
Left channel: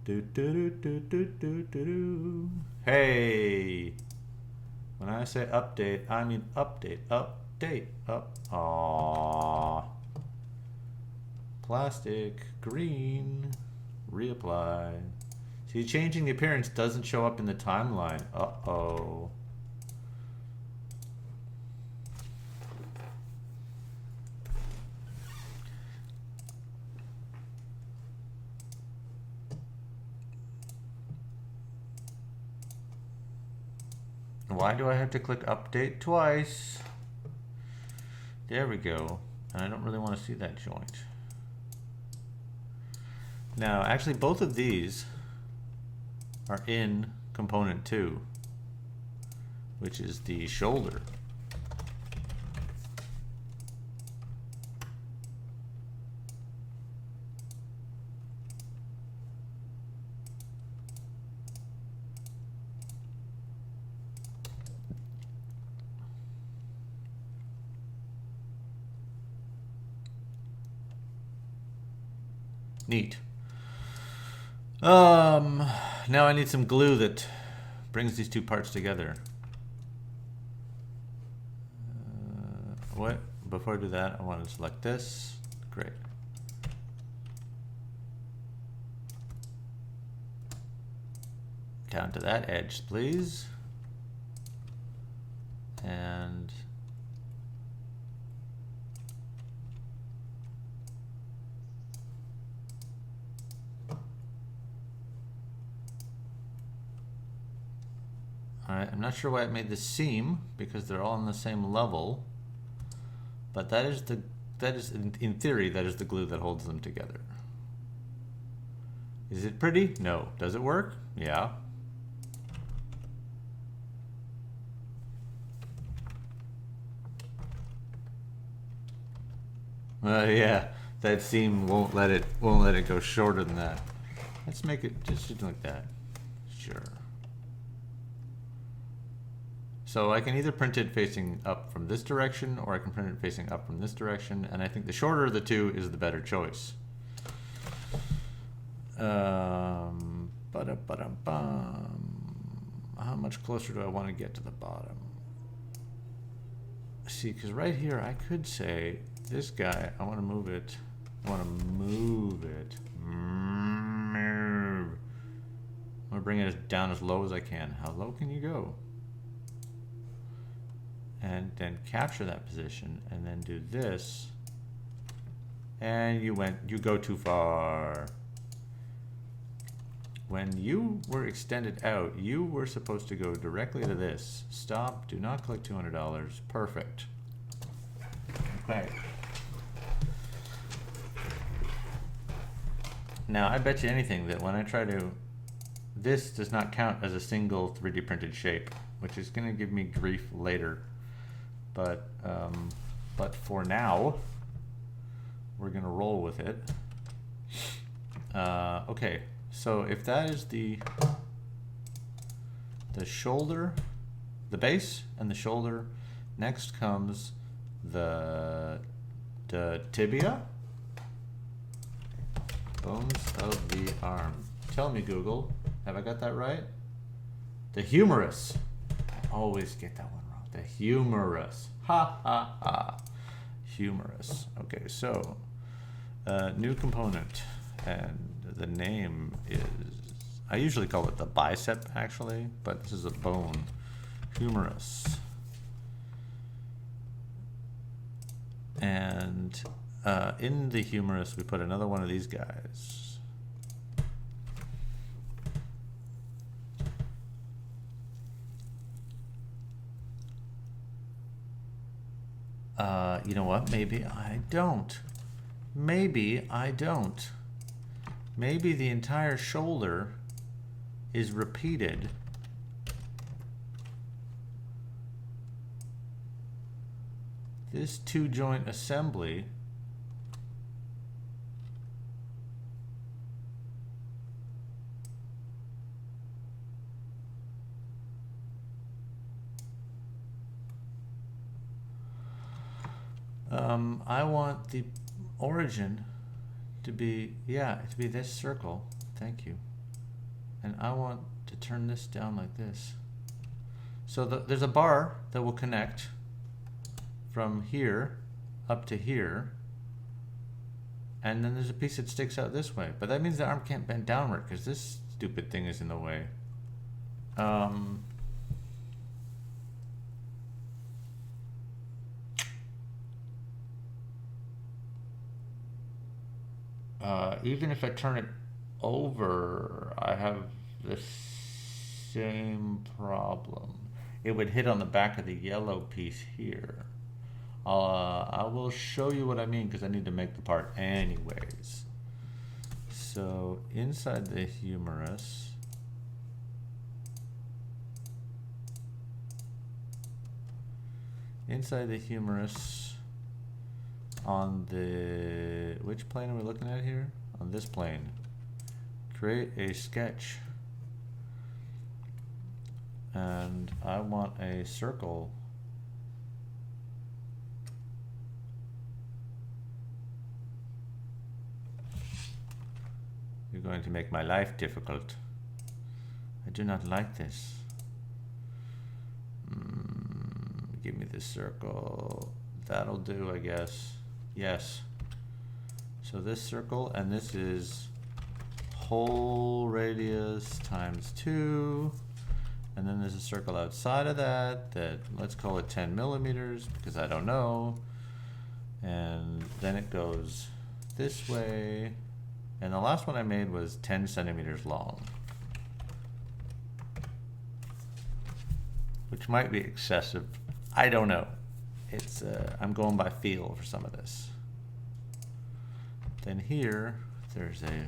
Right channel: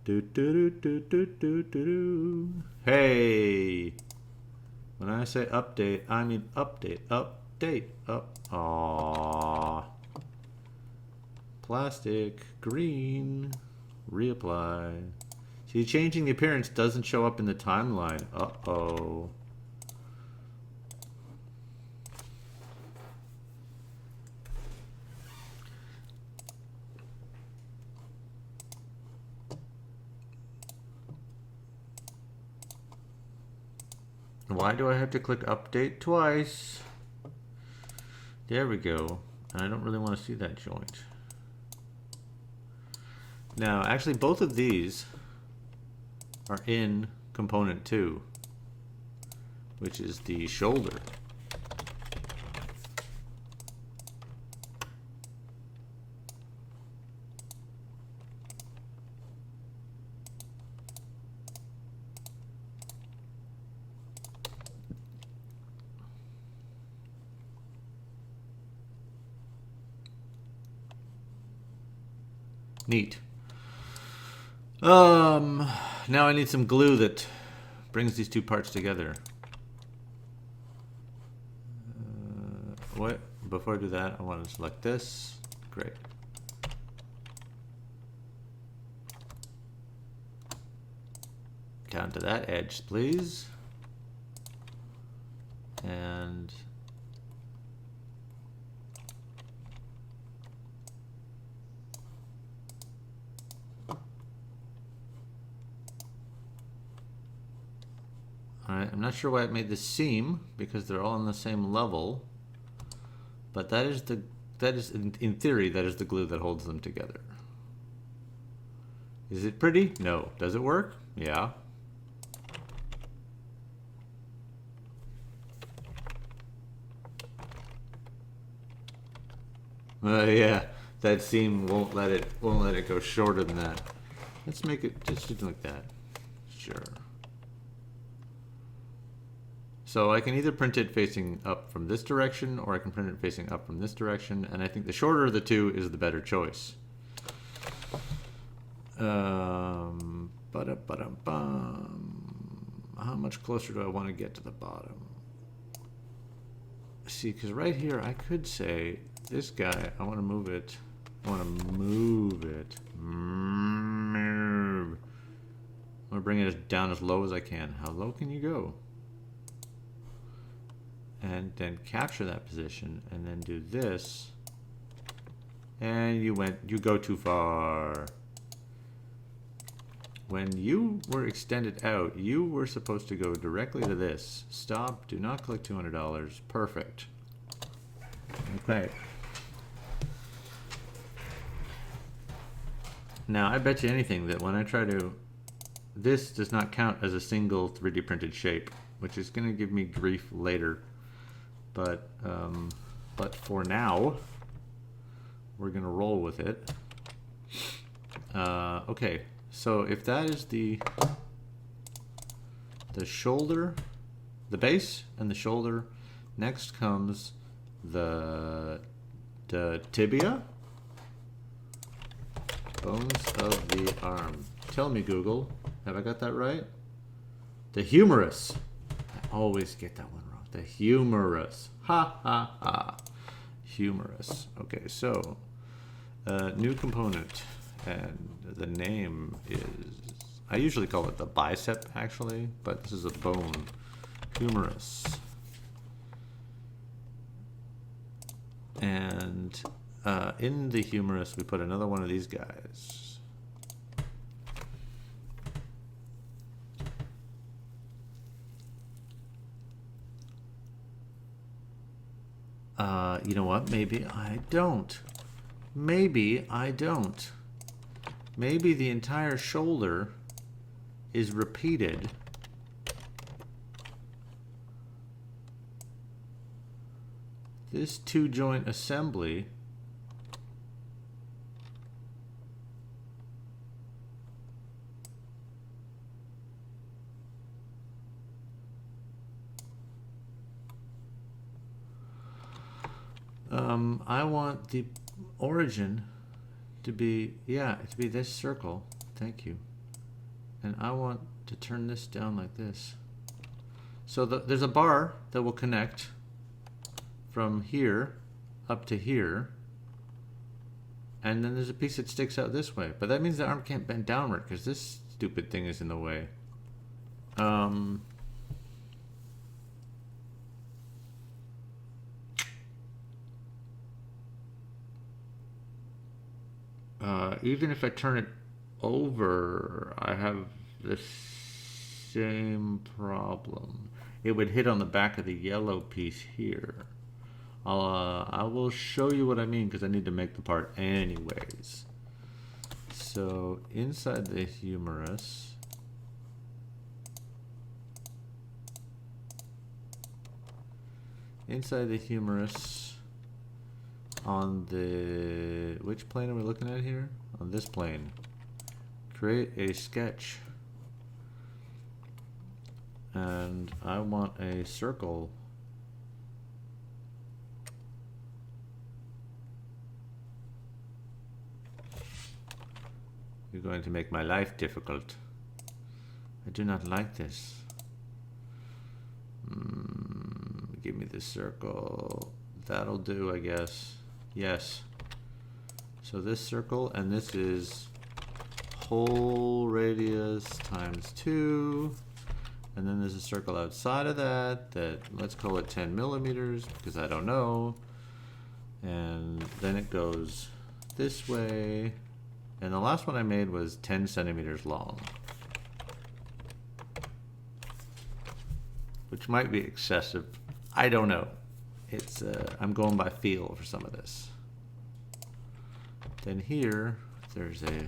Do do do do do do do. Hey. When I say update, I mean update, update, up. Aww. Plastic, green, reapply. See, changing the appearance doesn't show up in the timeline. Uh-oh. Why do I have to click update twice? There we go. And I don't really want to see that joint. Now, actually, both of these are in component 2, which is the shoulder. Neat. Now I need some glue that brings these two parts together. What? Before I do that, I want to select this. Great. Down to that edge, please. And alright, I'm not sure why it made the seam because they're all on the same level, but that is in theory that is the glue that holds them together. Is it pretty? No. Does it work? Yeah. Yeah, that seam won't let it go shorter than that. Let's make it just like that. Sure. So I can either print it facing up from this direction, or I can print it facing up from this direction, and I think the shorter of the two is the better choice. How much closer do I want to get to the bottom? See, because right here I could say, this guy, I want to move it. I want to move it. Move. I'm going to bring it down as low as I can. How low can you go? And then capture that position, and then do this. And you go too far. When you were extended out, you were supposed to go directly to this. Stop, do not collect $200. Perfect. Okay. Now, I bet you anything that when I try to... This does not count as a single 3D printed shape, which is going to give me grief later. But for now, we're going to roll with it. Okay, so if that is the shoulder, the base and the shoulder, next comes the tibia. Bones of the arm. Tell me, Google, have I got that right? The humerus. I always get that one wrong. The humerus. Ha ha ha. Humerus. Okay, so new component, and the name is, I usually call it the bicep actually, but this is a bone. Humerus. And in the humerus, we put another one of these guys. You know what? Maybe I don't. Maybe I don't. Maybe the entire shoulder is repeated. This two-joint assembly I want the origin to be, to be this circle. Thank you. And I want to turn this down like this. So there's a bar that will connect from here up to here. And then there's a piece that sticks out this way. But that means the arm can't bend downward because this stupid thing is in the way. Even if I turn it over, I have the same problem. It would hit on the back of the yellow piece here. I will show you what I mean because I need to make the part anyways. So inside the humerus, on the, which plane are we looking at here? On this plane. Create a sketch. And I want a circle. You're going to make my life difficult. I do not like this. Give me this circle. That'll do, I guess. Yes. So this circle, and this is whole radius times 2. And then there's a circle outside of that, let's call it 10 millimeters, because I don't know. And then it goes this way. And the last one I made was 10 centimeters long. Which might be excessive. I don't know. It's I'm going by feel for some of this. Then here, there's a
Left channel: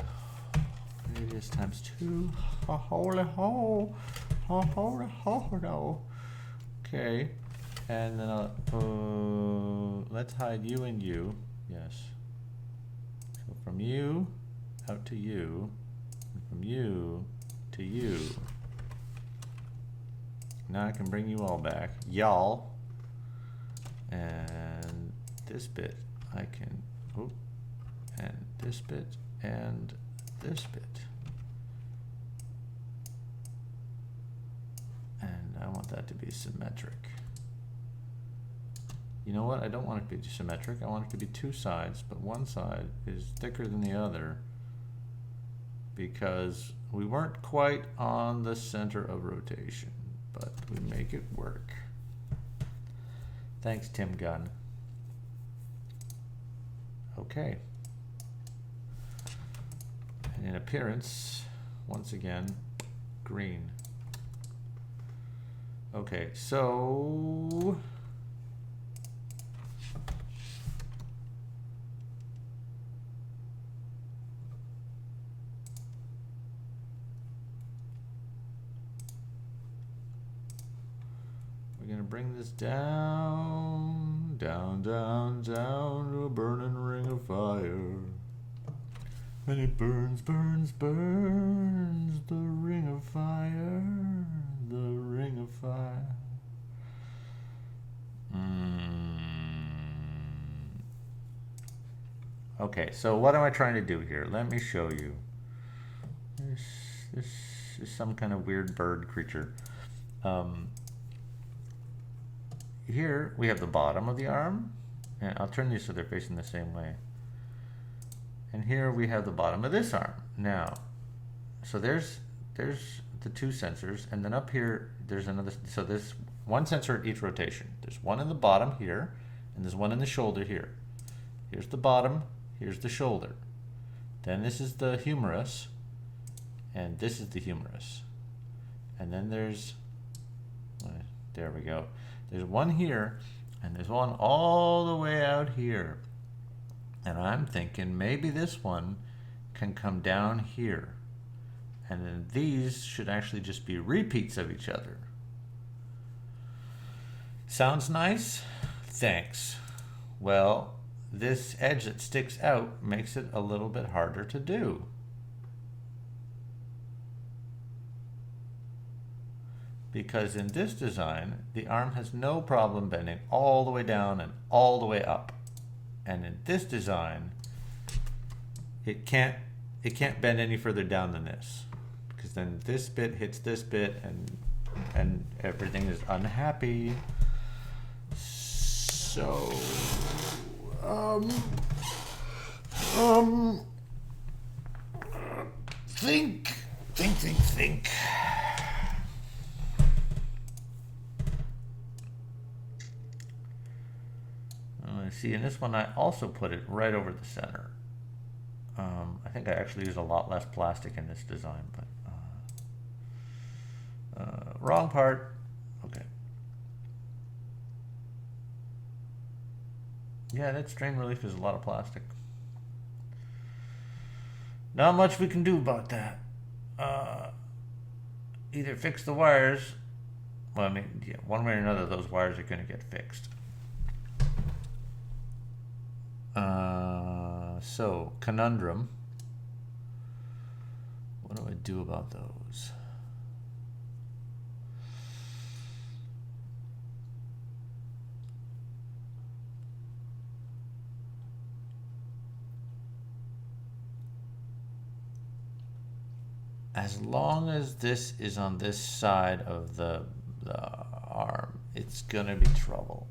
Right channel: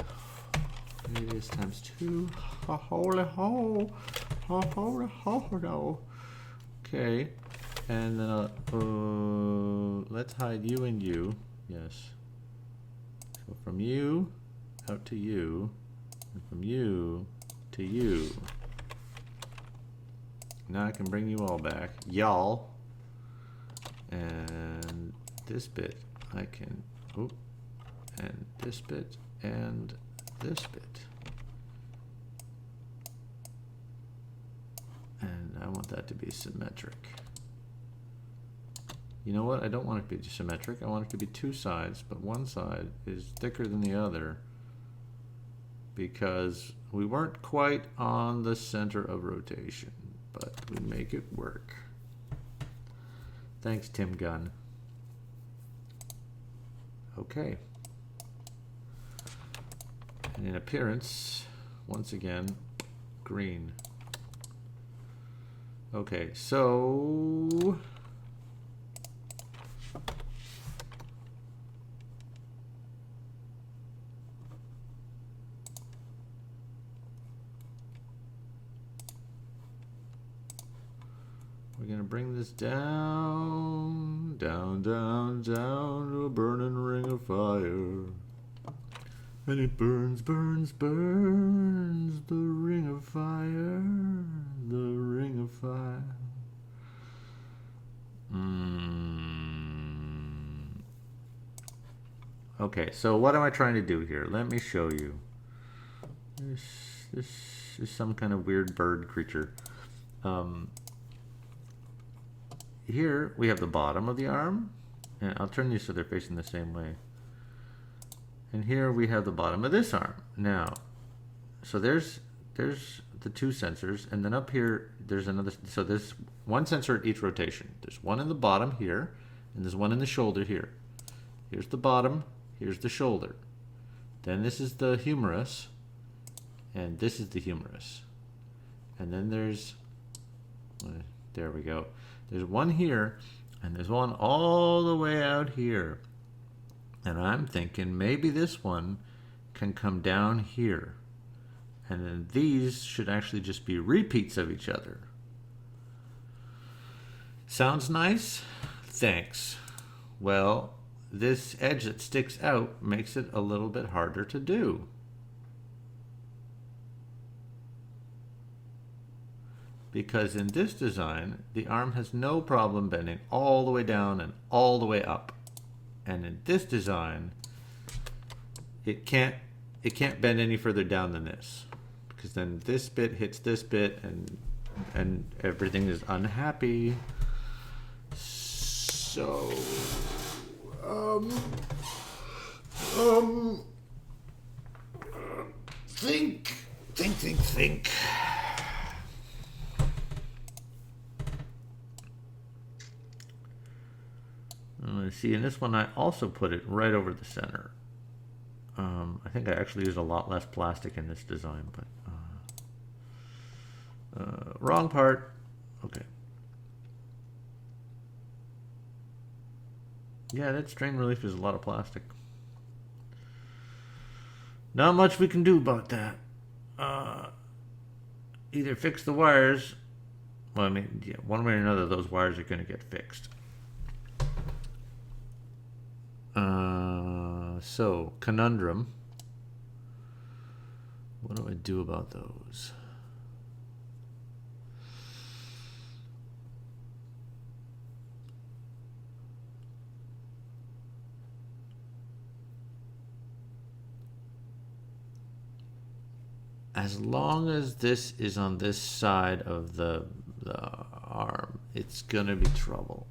radius times 2. Holy ho! Holy ho! No. Okay. And then let's hide you and you. Yes. So from you out to you, and from you to you. Now I can bring you all back, y'all. And this bit I can, and this bit and this bit. And I want that to be symmetric. You know what? I don't want it to be symmetric. I want it to be two sides, but one side is thicker than the other because we weren't quite on the center of rotation, but we make it work. Thanks, Tim Gunn. Okay. And in appearance, once again, green. Okay, so we're gonna bring this down, down, down, down to a burning ring of fire. And it burns, burns, burns, the ring of fire, the ring of fire. Okay, so what am I trying to do here? Let me show you. This is some kind of weird bird creature. Here we have the bottom of the arm, and I'll turn these so they're facing the same way. And here we have the bottom of this arm. Now, so there's the two sensors, and then up here there's another. So there's one sensor at each rotation. There's one in the bottom here, and there's one in the shoulder here. Here's the bottom, here's the shoulder. Then this is the humerus, and this is the humerus. And then there's, there we go. There's one here, and there's one all the way out here. And I'm thinking maybe this one can come down here. And then these should actually just be repeats of each other. Sounds nice? Thanks. Well, this edge that sticks out makes it a little bit harder to do. Because in this design, the arm has no problem bending all the way down and all the way up. And in this design, it can't bend any further down than this, because then this bit hits this bit, and everything is unhappy. So, think. See, in this one, I also put it right over the center. I think I actually used a lot less plastic in this design, but wrong part. Okay. Yeah, that strain relief is a lot of plastic. Not much we can do about that. Either fix the wires. Well, I mean, yeah, one way or another, those wires are going to get fixed. So, conundrum. What do I do about those? as long as this is on this side of the arm, it's gonna be trouble.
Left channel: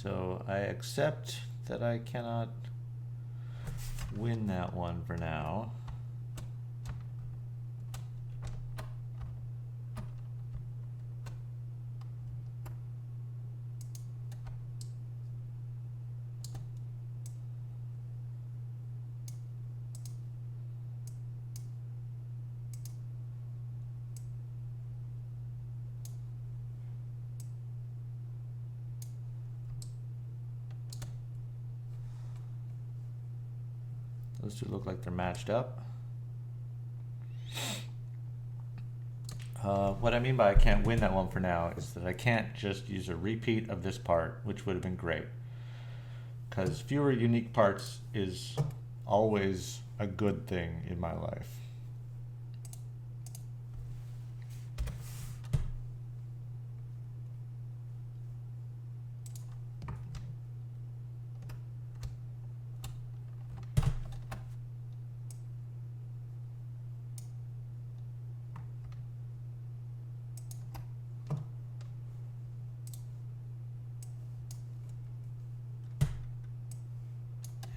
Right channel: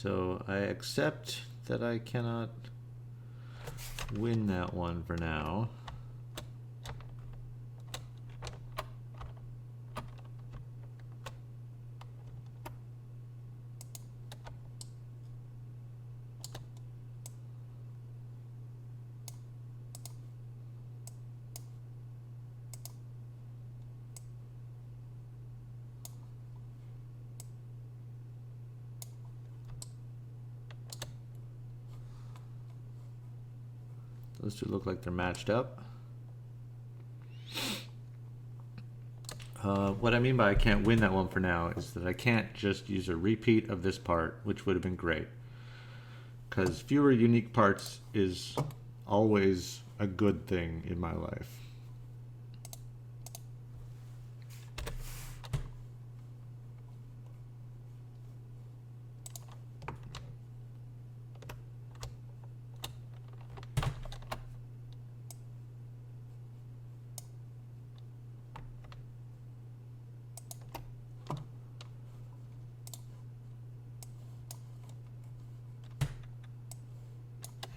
So I accept that I cannot win that one for now. Those two look like they're matched up. What I mean by I can't win that one for now is that I can't just use a repeat of this part, which would have been great. Because fewer unique parts is always a good thing in my life.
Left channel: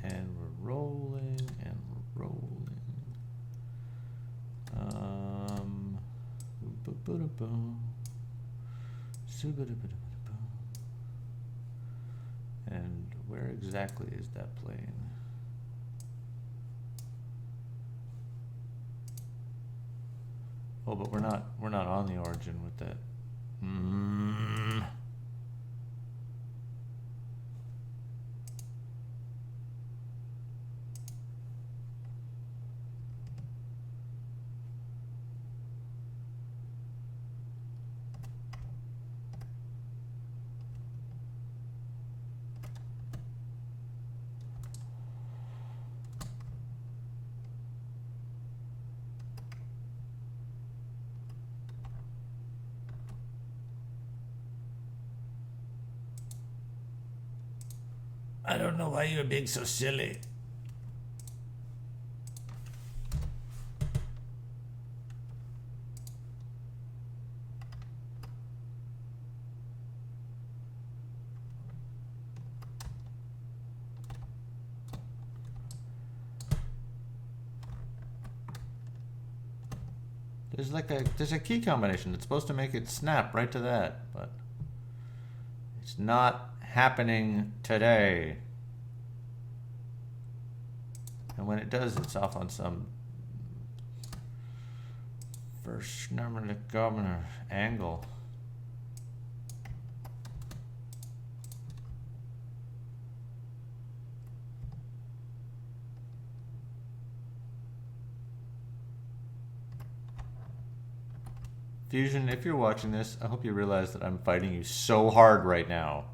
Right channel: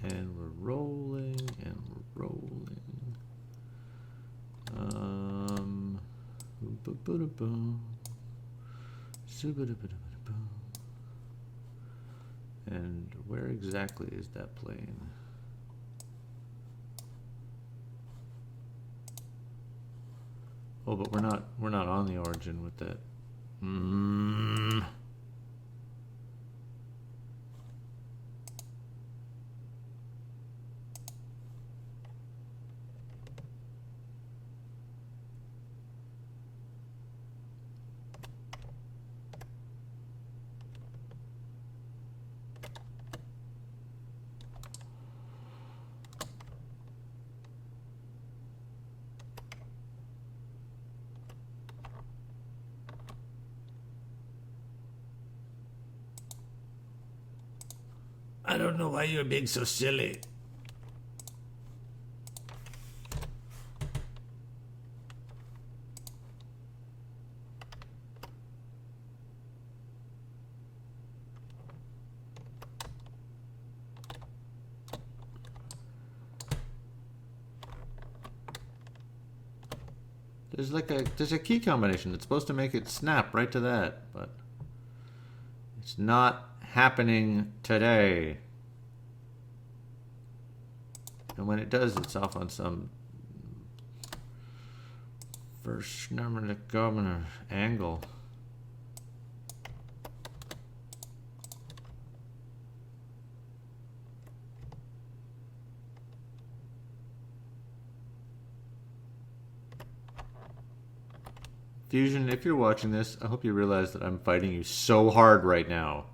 And we're rolling, and we're rolling. And where exactly is that plane? Oh, but we're not on the origin with that. I don't know why you're being so silly. There's a key combination that's supposed to make it snap right to that, but it's not happening today. And when it does, it's off on some first number to governor angle. Fusion, if you're watching this, I hope you realize that I'm fighting you so hard right now.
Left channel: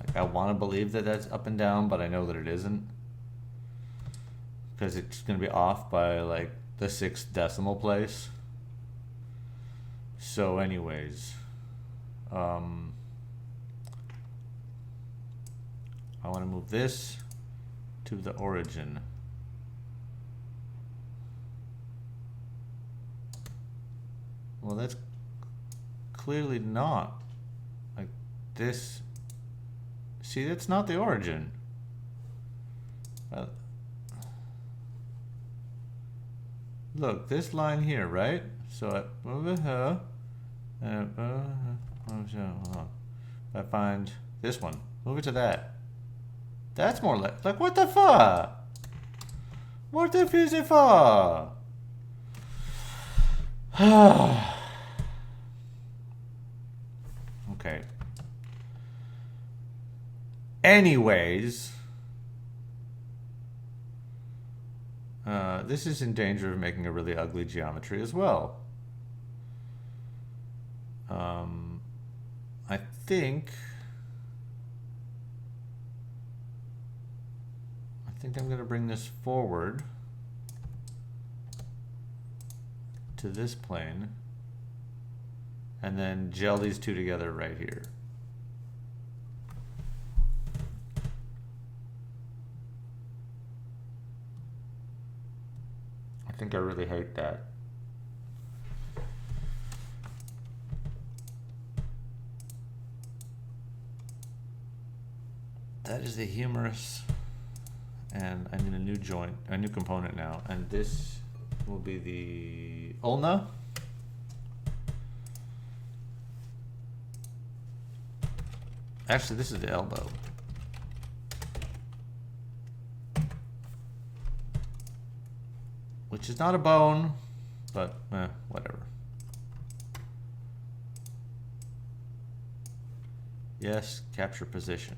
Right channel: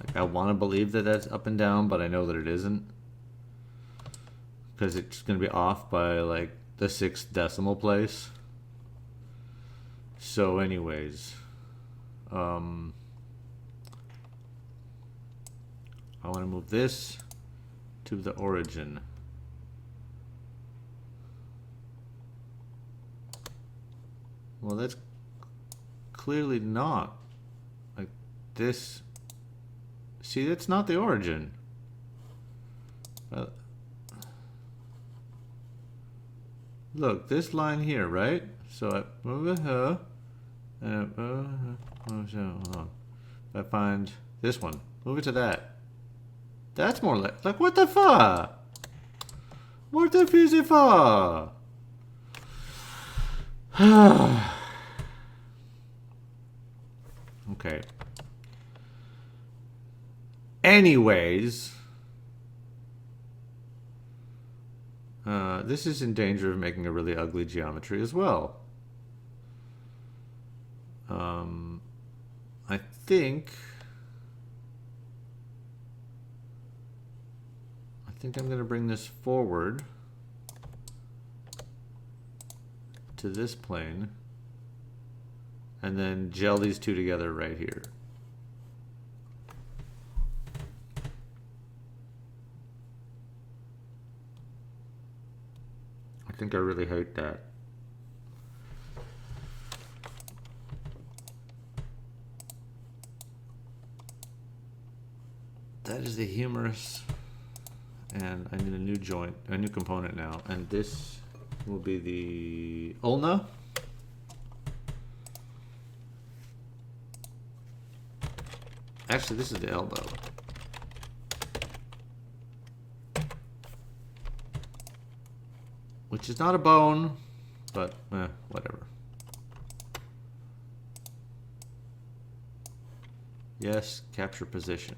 Like, I want to believe that that's up and down, but I know that it isn't. Because it's going to be off by like the 6th decimal place. So anyways... I want to move this to the origin. Well, that's clearly not. Like this. See, that's not the origin. Look, this line here, right? So I move it here. Hold on. I find this one. Move it to that. That's more like what the fuck? What the fuck is it for? Okay. Anyways, this is in danger of making a really ugly geometry as well. I think I'm going to bring this forward to this plane and then gel these two together right here. I think I really hate that. That is the humerus, and I need a new joint, a new component now, and this will be the ulna. Actually, this is the elbow. Which is not a bone, but whatever. Yes, capture position.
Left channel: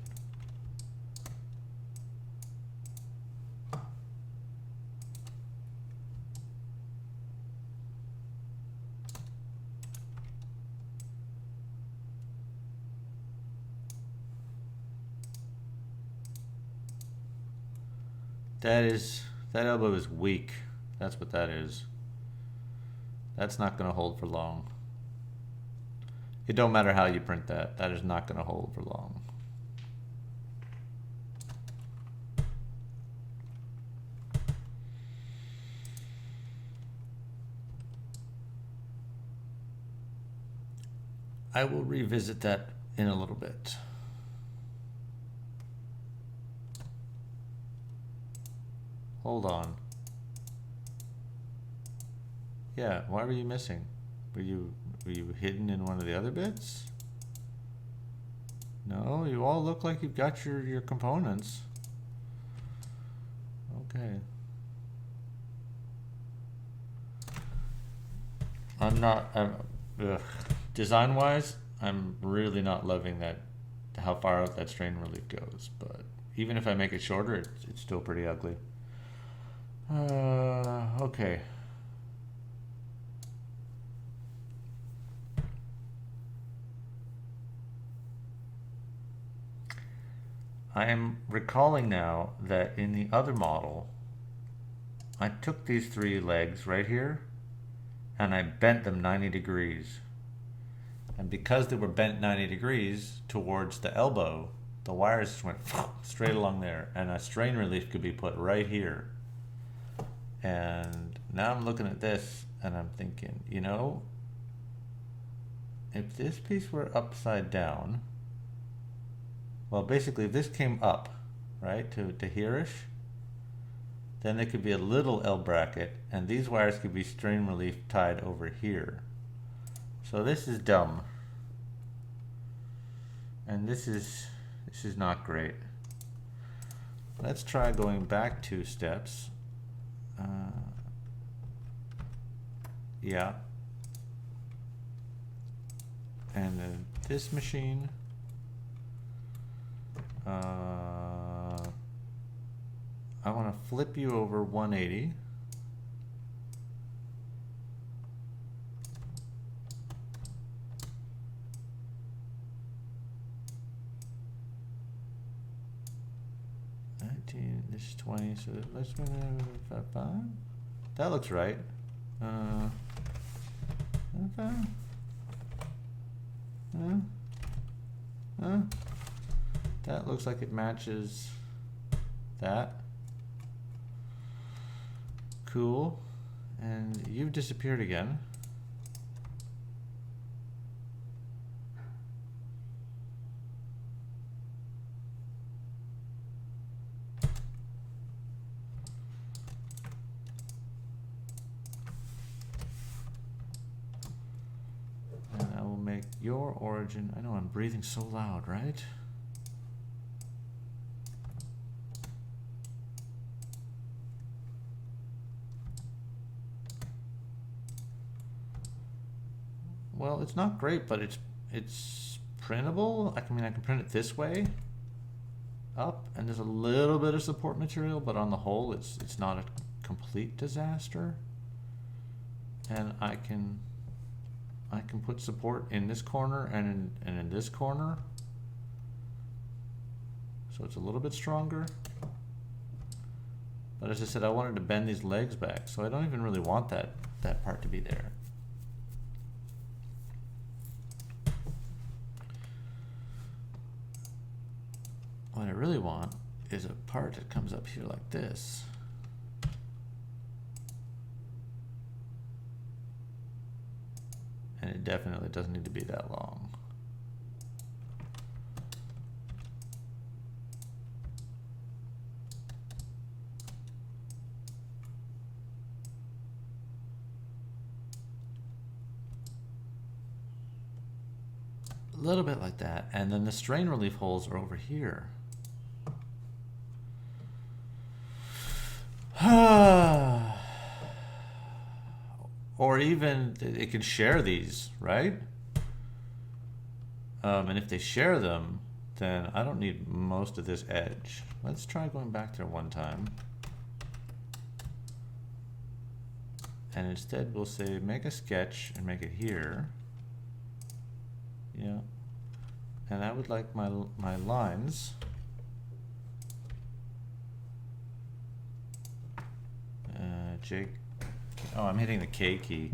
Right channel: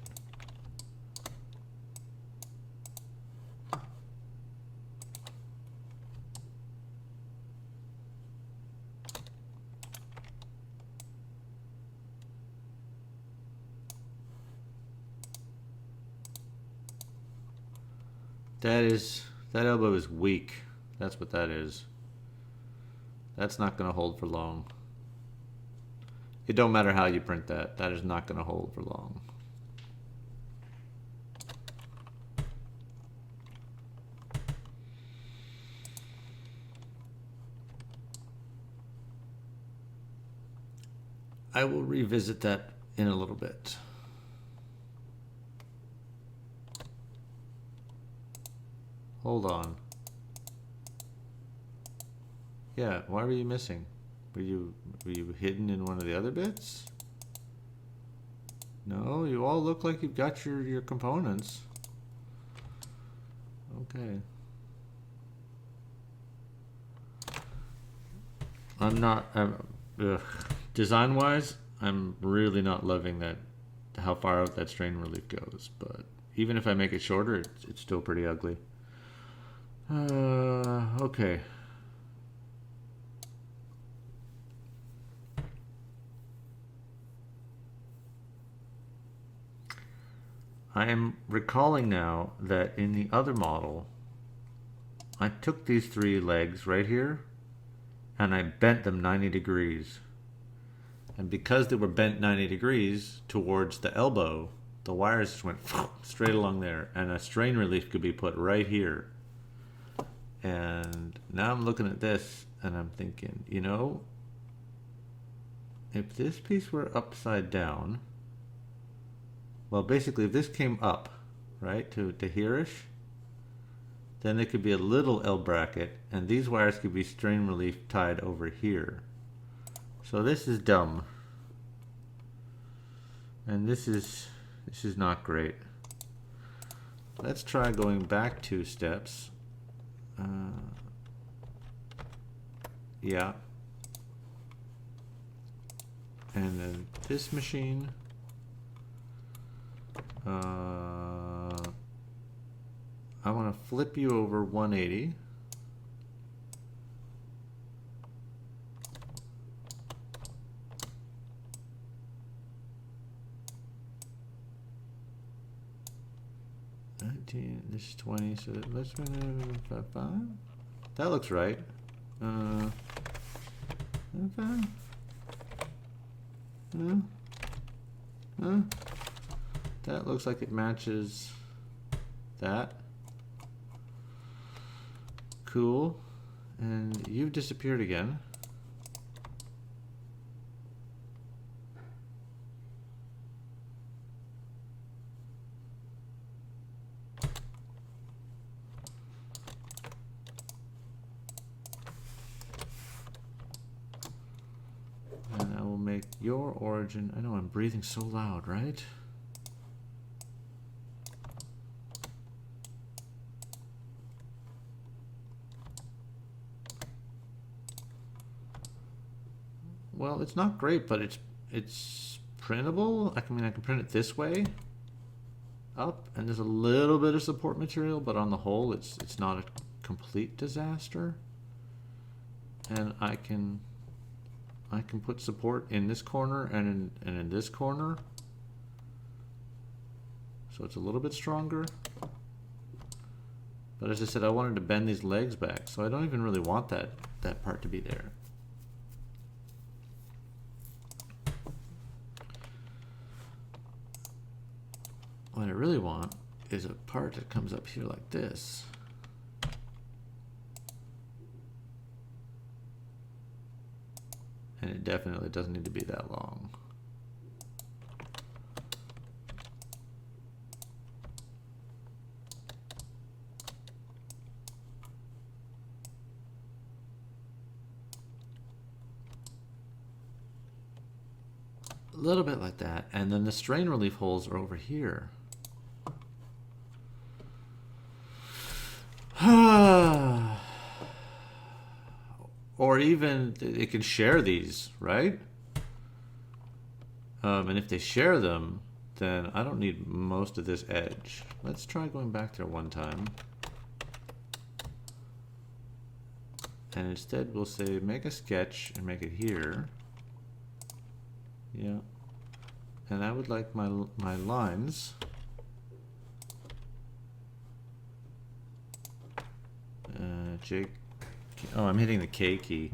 That elbow is weak. That's what that is. That's not going to hold for long. It don't matter how you print that. That is not going to hold for long. I will revisit that in a little bit. Hold on. Yeah, why were you missing? Were you hidden in one of the other bits? No, you all look like you've got your components. Okay. I'm not. Design-wise, I'm really not loving that. How far out that strain relief goes, but even if I make it shorter, it's still pretty ugly. Okay. I am recalling now that in the other model, I took these three legs right here and I bent them 90 degrees. And because they were bent 90 degrees towards the elbow, the wires just went straight along there, and a strain relief could be put right here. And now I'm looking at this and I'm thinking, you know, if this piece were upside down, well, basically if this came up, right, to hereish, then there could be a little L bracket, and these wires could be strain relief tied over here. So this is dumb. And this is not great. Let's try going back 2 steps. Yeah. And then this machine. I want to flip you over 180. This is 20, so let's run 5. That looks right. That looks like it matches that. Cool. And you've disappeared again. And I will make your origin. I know I'm breathing so loud, right? well, it's not great, but it's printable. I mean, I can print it this way, up, and there's a little bit of support material, but on the whole, it's not a complete disaster. And I can put support in this corner and in this corner, so it's a little bit stronger. But as I said, I wanted to bend these legs back, so I don't even really want that part to be there. What I really want is a part that comes up here like this. And it definitely doesn't need to be that long. A little bit like that. And then the strain relief holes are over here. Or even it can share these, right? And if they share them, then I don't need most of this edge. Let's try going back there one time. And instead we'll say make a sketch and make it here. Yeah. And I would like my lines. J. Oh, I'm hitting the K key.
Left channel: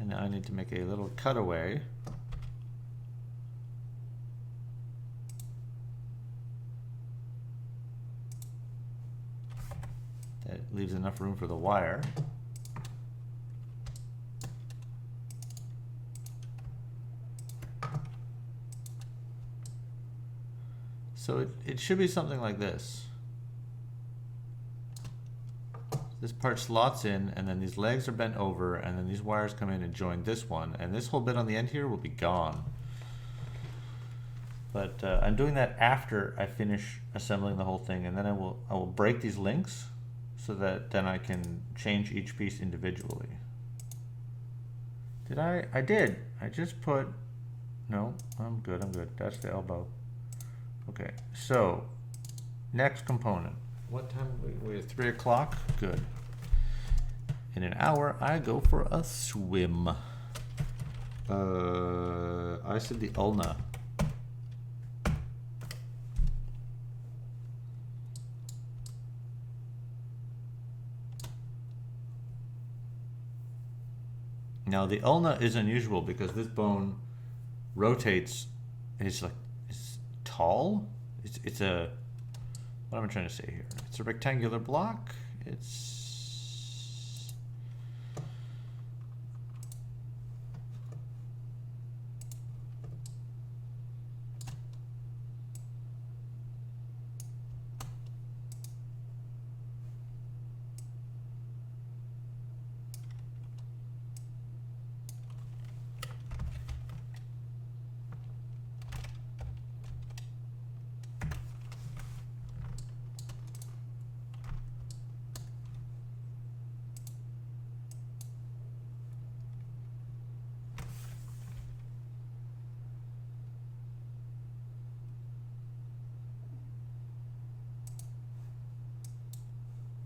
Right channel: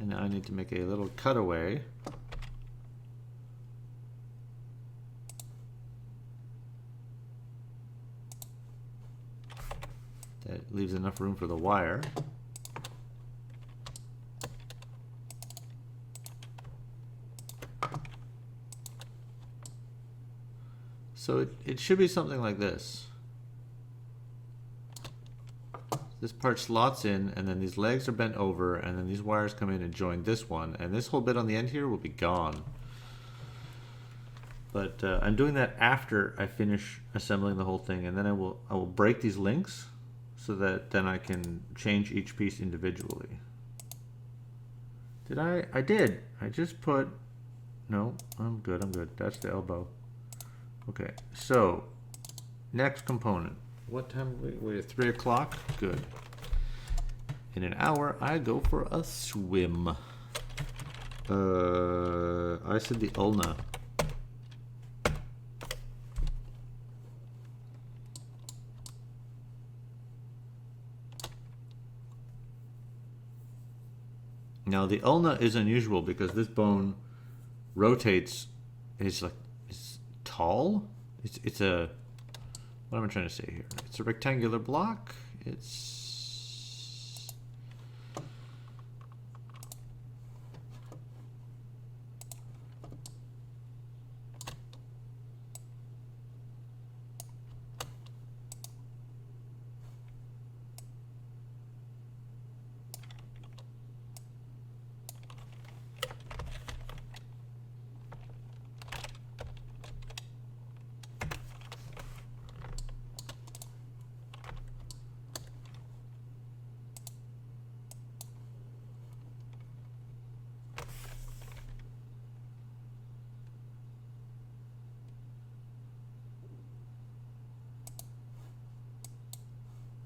And now I need to make a little cutaway. That leaves enough room for the wire. So it should be something like this. This part slots in, and then these legs are bent over, and then these wires come in and join this one, and this whole bit on the end here will be gone. But I'm doing that after I finish assembling the whole thing, and then I will break these links so that then I can change each piece individually. Did I? I did. I just put. No, I'm good. I'm good. That's the elbow. Okay. So next component. What time? Wait, 3 o'clock? Good. In an hour, I go for a swim. I said the ulna. Now the ulna is unusual because this bone rotates. It's tall. It's a. What am I trying to say here? It's a rectangular block. It's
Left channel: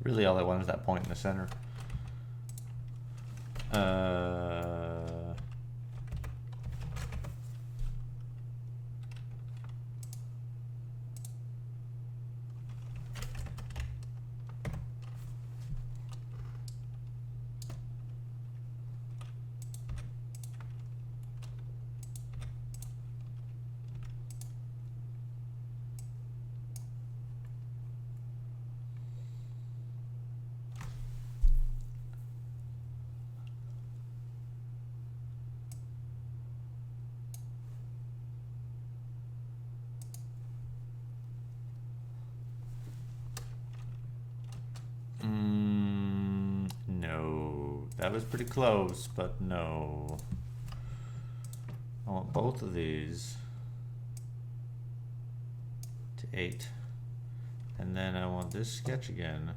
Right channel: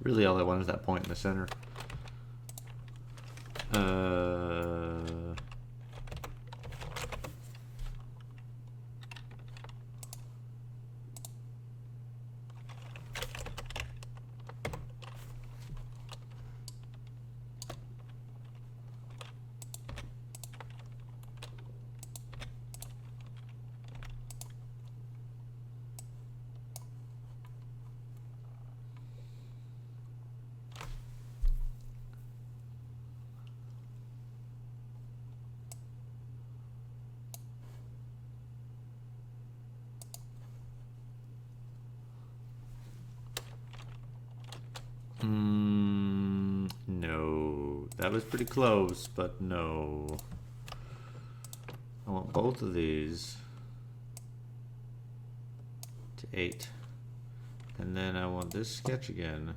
really all I want is that point in the center. That was pretty close, but no. I want both of these to 8. And then I want this sketch again.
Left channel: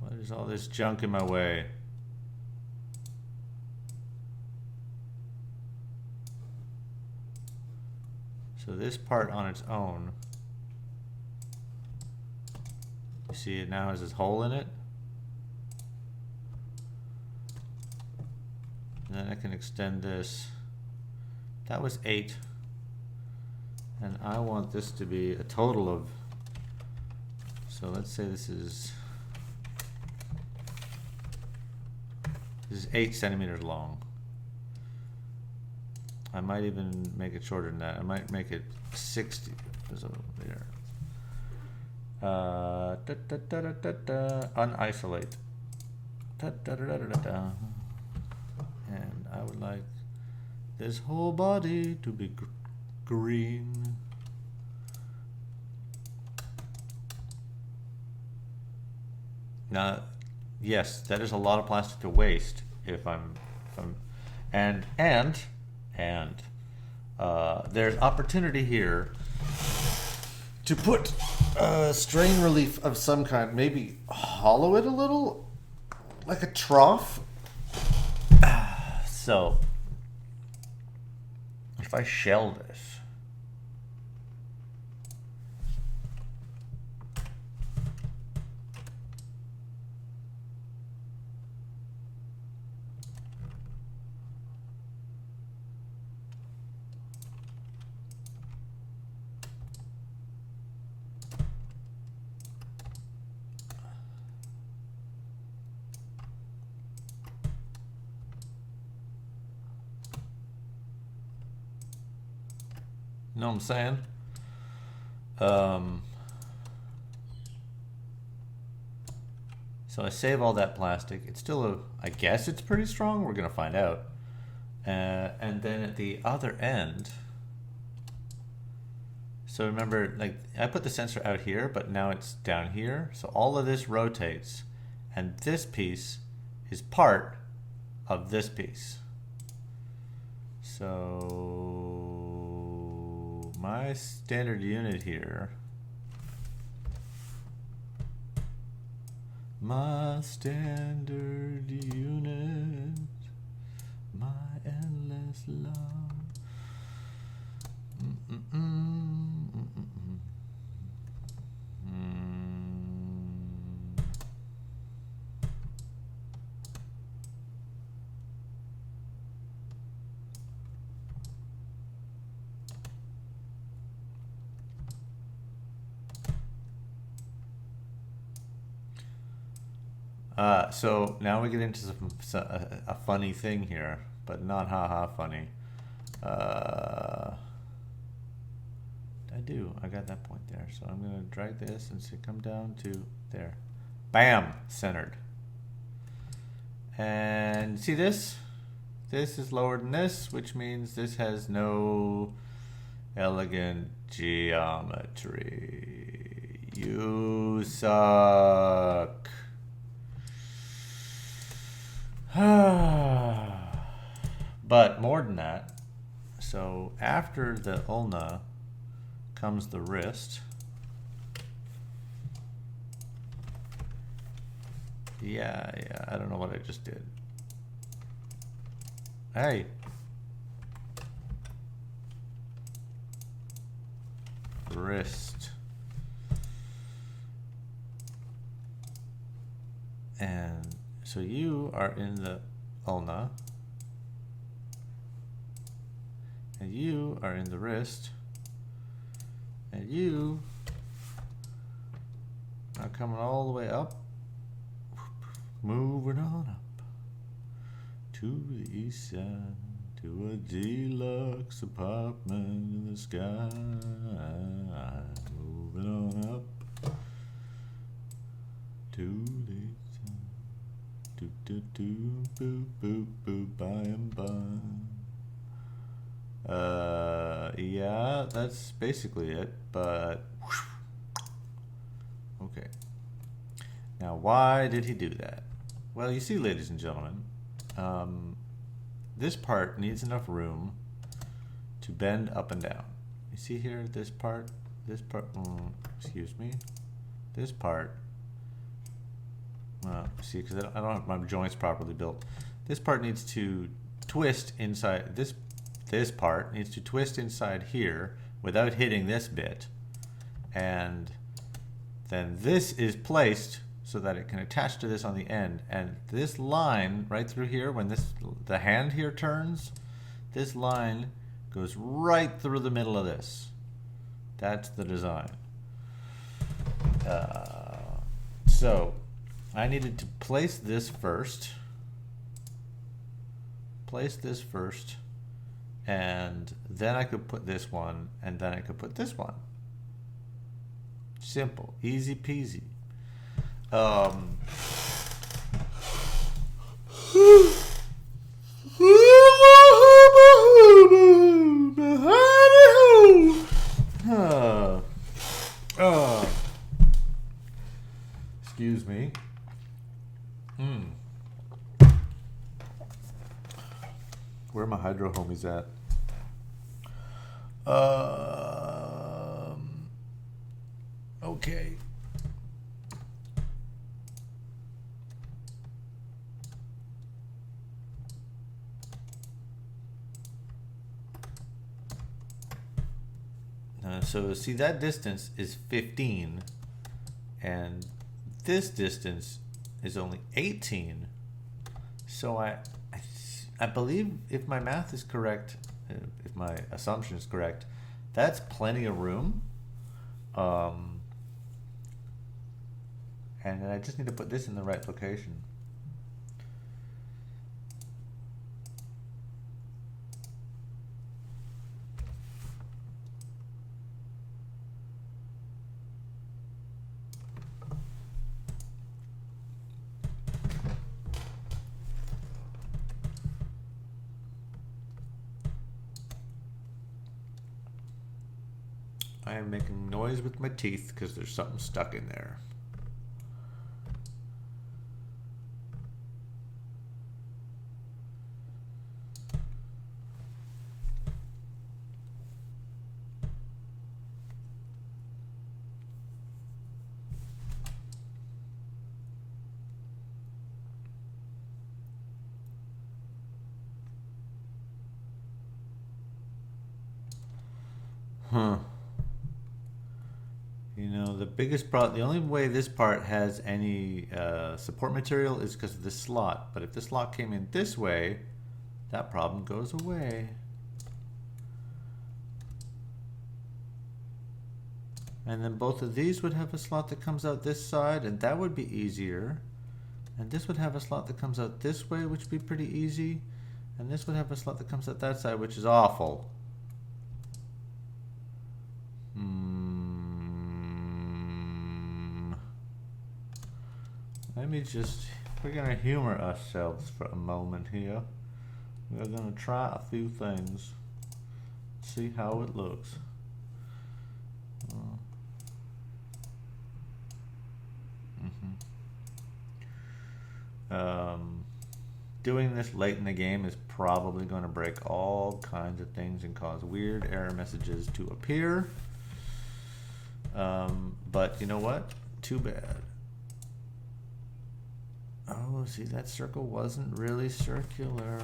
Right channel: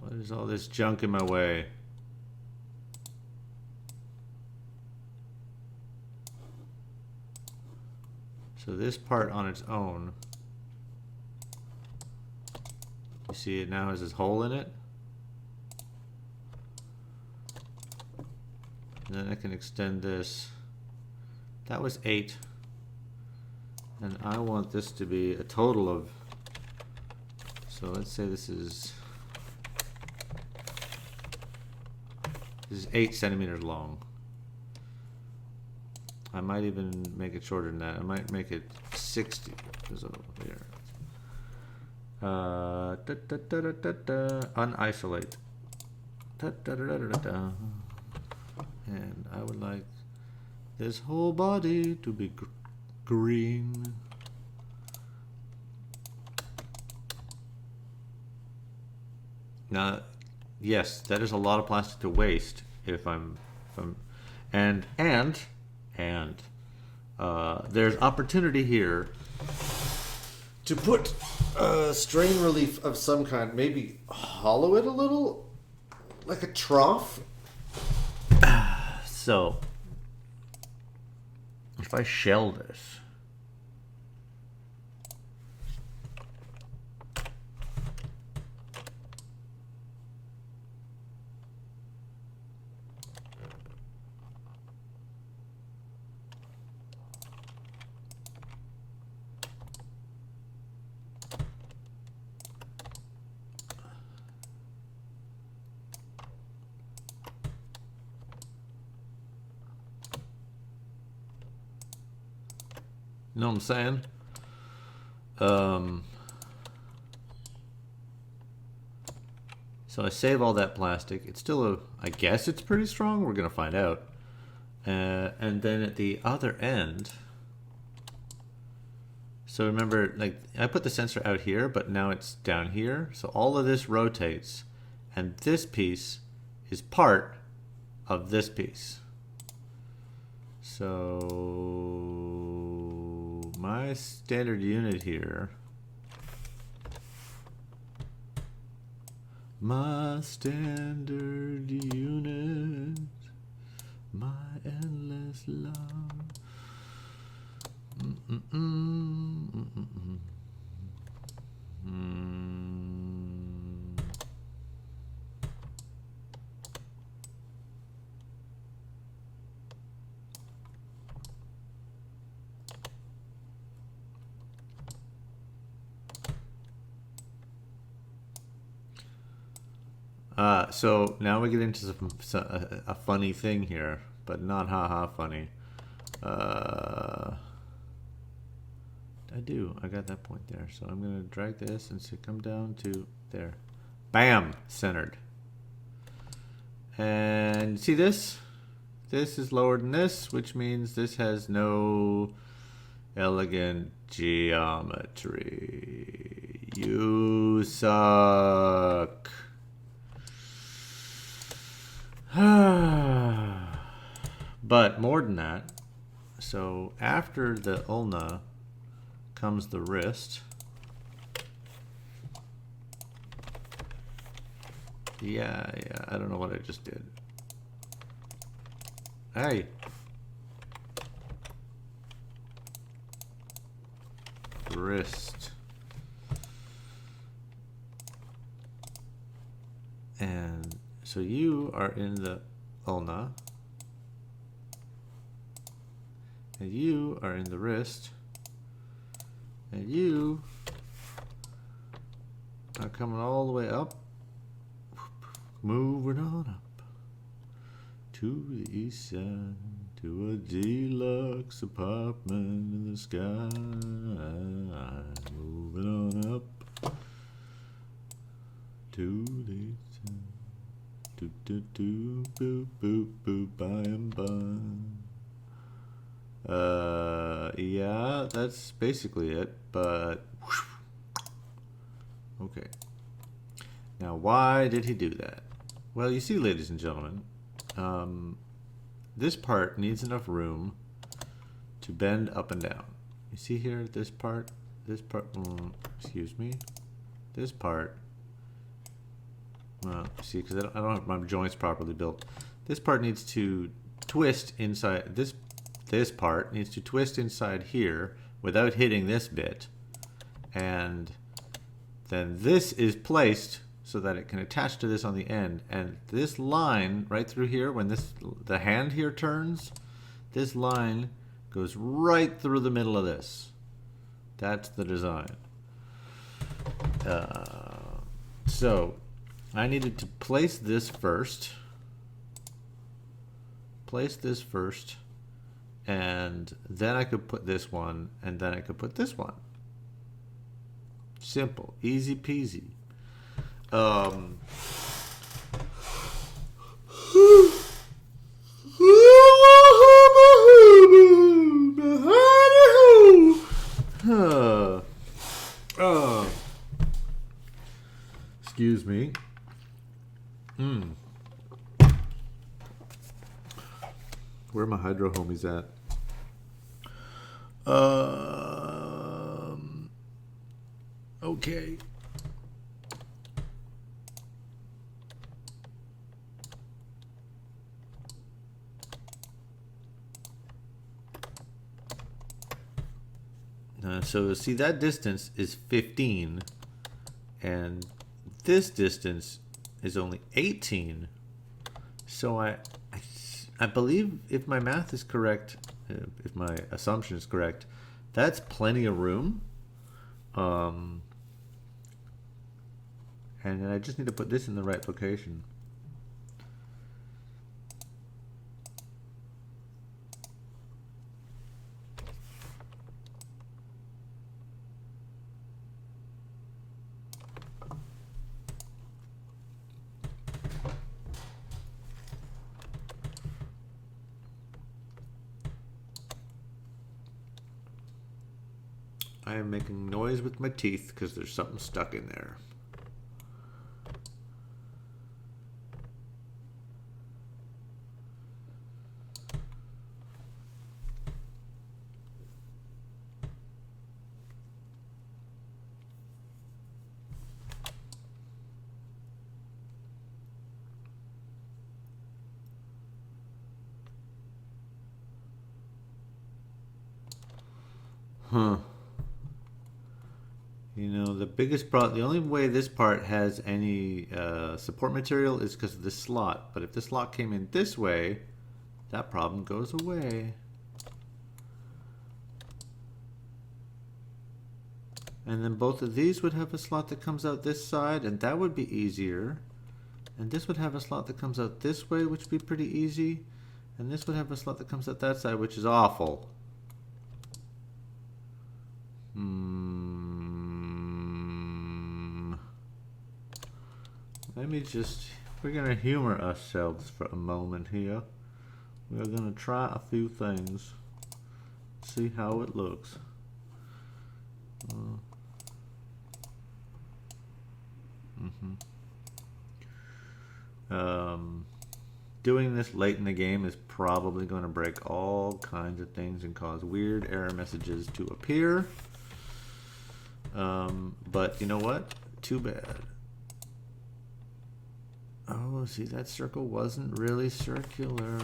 What is all this junk in my way? So this part on its own, you see it now has this hole in it. And then I can extend this. That was 8. And I want this to be a total of, so let's say this is 8 centimeters long. I might even make it shorter than that. I might make it 60. So there. Unisolate. And I would like this whole body to be green. Now, yes, that is a lot of plastic to waste if I'm there's opportunity here to put strain relief of some kind, maybe hollow it a little like a trough. So if I shell this, you know what I'm saying? So I save all that plastic. It's still I guess it's pretty strong. We're gonna find out. And then at the other end, so remember, like I put the sensor out here, but now it's down here. So all of this rotates, and this piece is part of this piece. So my standard unit here, my standard unit, my endless love. So now we get into a funny thing here, but not haha funny. I got that point there. So I'm going to drag this and say come down to there. Bam! Centered. And see this? This is lower than this, which means this has no elegant geometry. You suck. But more than that, so after the ulna comes the wrist. Yeah, I don't know what I just did. Hey. Wrist. And so you are in the ulna. And you are in the wrist. And you are coming all the way up. Moving on up to the east side, to a deluxe apartment in the sky. Moving on up to the east side. Do do do boop boop boop by and by. Yeah, that's basically it, but okay. Now, why did he do that? Well, you see, ladies and gentlemen, this part needs enough room to bend up and down. You see here, this part, excuse me, this part, well, see, because I don't have my joints properly built. This part needs to twist inside, this part needs to twist inside here without hitting this bit. And then this is placed so that it can attach to this on the end. And this line right through here, when the hand here turns, this line goes right through the middle of this. That's the design. So I needed to place this first. And then I could put this one, and then I could put this one. Simple, easy peasy. Excuse me. Where are my hydro homies at? Okay. So see, that distance is 15, and this distance is only 18. So I believe, if my math is correct, if my assumption is correct, that's plenty of room. And then I just need to put this in the right location. I am making noise with my teeth because there's something stuck in there. Huh. You know, the biggest problem, the only way this part has any support material is because of this slot. But if the slot came in this way, that problem goes away. And then both of these would have a slot that comes out this side, and that would be easier. And this would have a slot that comes out this way, which would be pretty easy. And this would have a slot that comes out that side, which is awful. Let me just, we're going to humor ourselves for a moment here. We're going to try a few things. See how it looks. Doing this late in the game is probably going to break all kinds of things and cause weird error messages to appear. But you know what? Too bad. Oh, see, that circle wasn't really circular.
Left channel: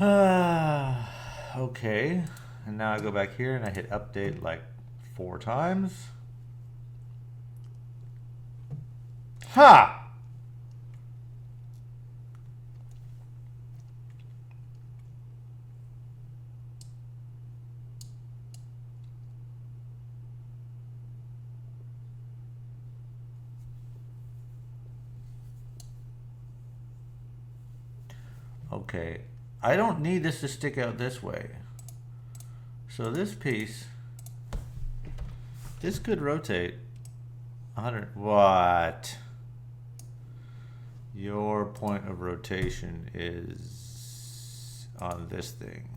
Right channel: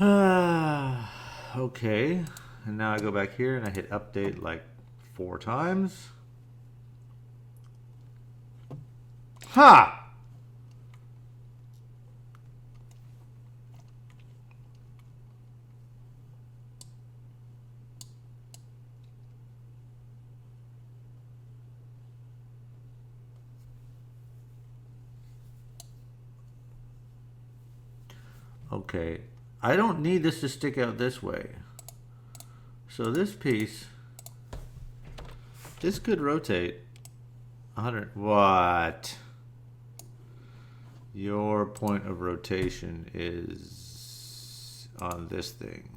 Okay, and now I go back here and I hit update like 4 times. Ha! Okay, I don't need this to stick out this way. So this piece, this could rotate 100. What? Your point of rotation is on this thing.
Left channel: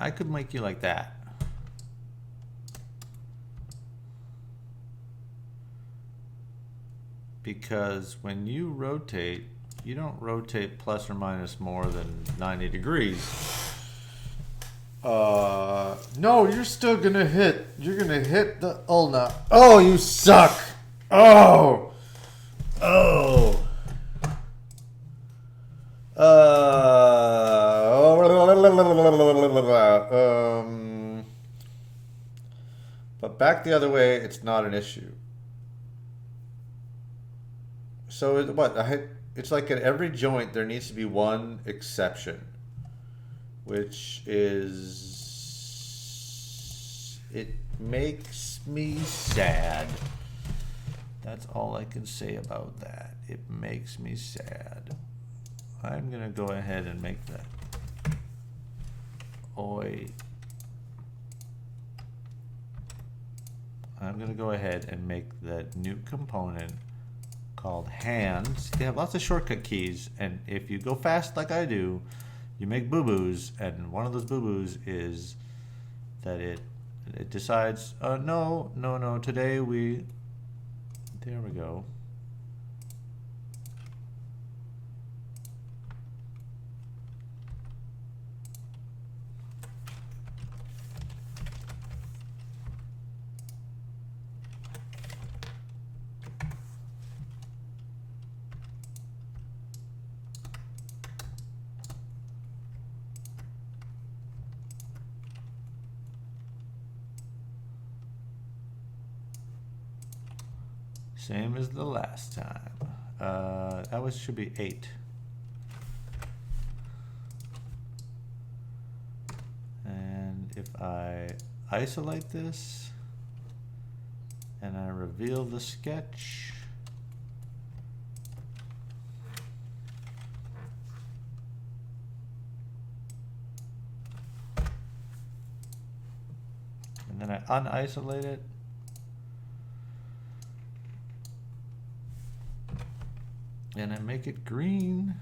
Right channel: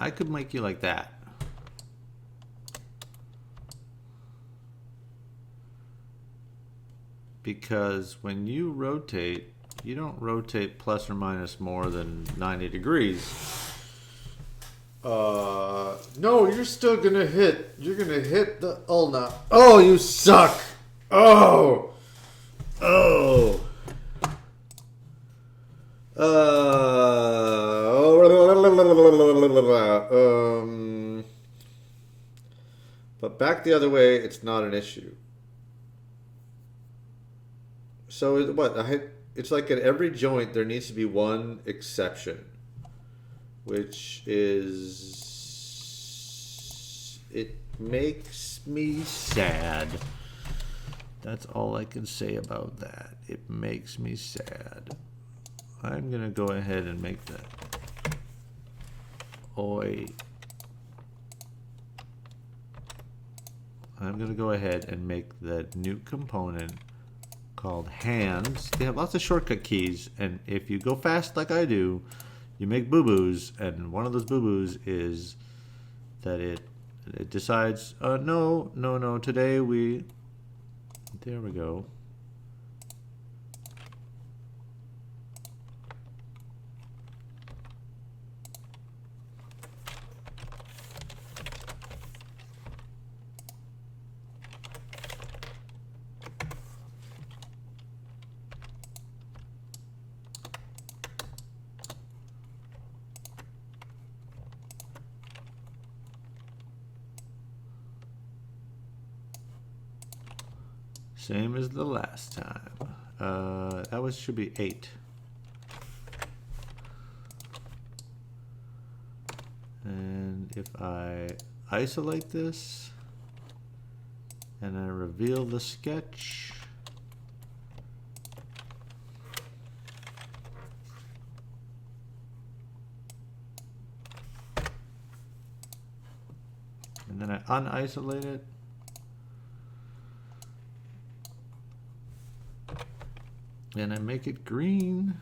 I could make you like that. Because when you rotate, you don't rotate plus or minus more than 90 degrees. No, you're still gonna hit. You're gonna hit the ulna. Oh, you suck. Oh. Oh. But back the other way, it's not an issue. So what? It's like at every joint there needs to be one exception, which is it makes me sad. That's all I can say about that. It makes me sad. I'm gonna go ahead and make that. Oi. I'm gonna go ahead and make the new component called hands. They have lots of shortcut keys, and if you go fast like I do, you make boo-boos, and one of those boo-boos is that it decides, no, today there we go. Same as the last time. That should be 8. And if I isolate this and I reveal the sketch, and then I unisolate it, and I make it green.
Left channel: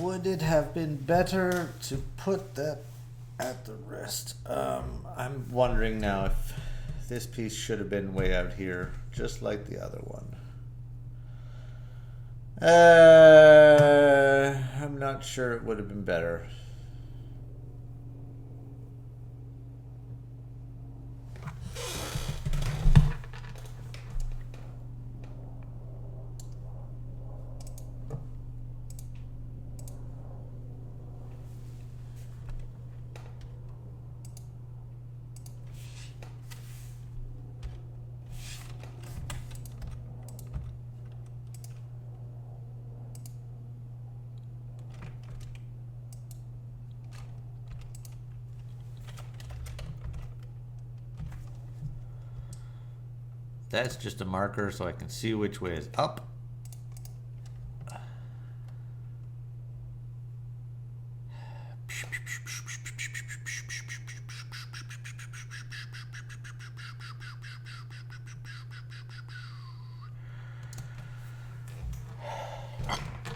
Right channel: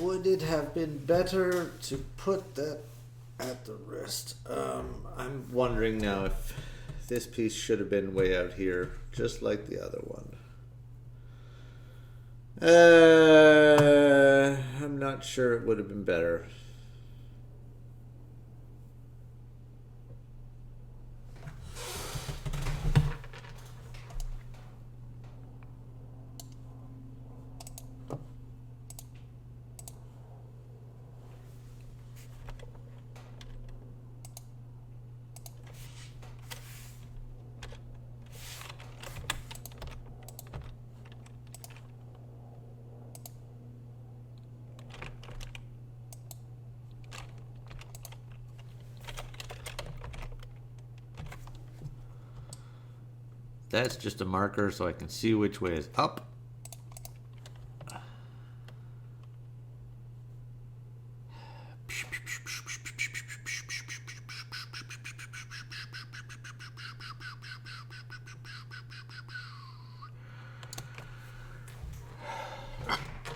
Would it have been better to put that at the wrist? I'm wondering now if this piece should have been way out here, just like the other one. I'm not sure it would have been better. That's just a marker so I can see which way is up.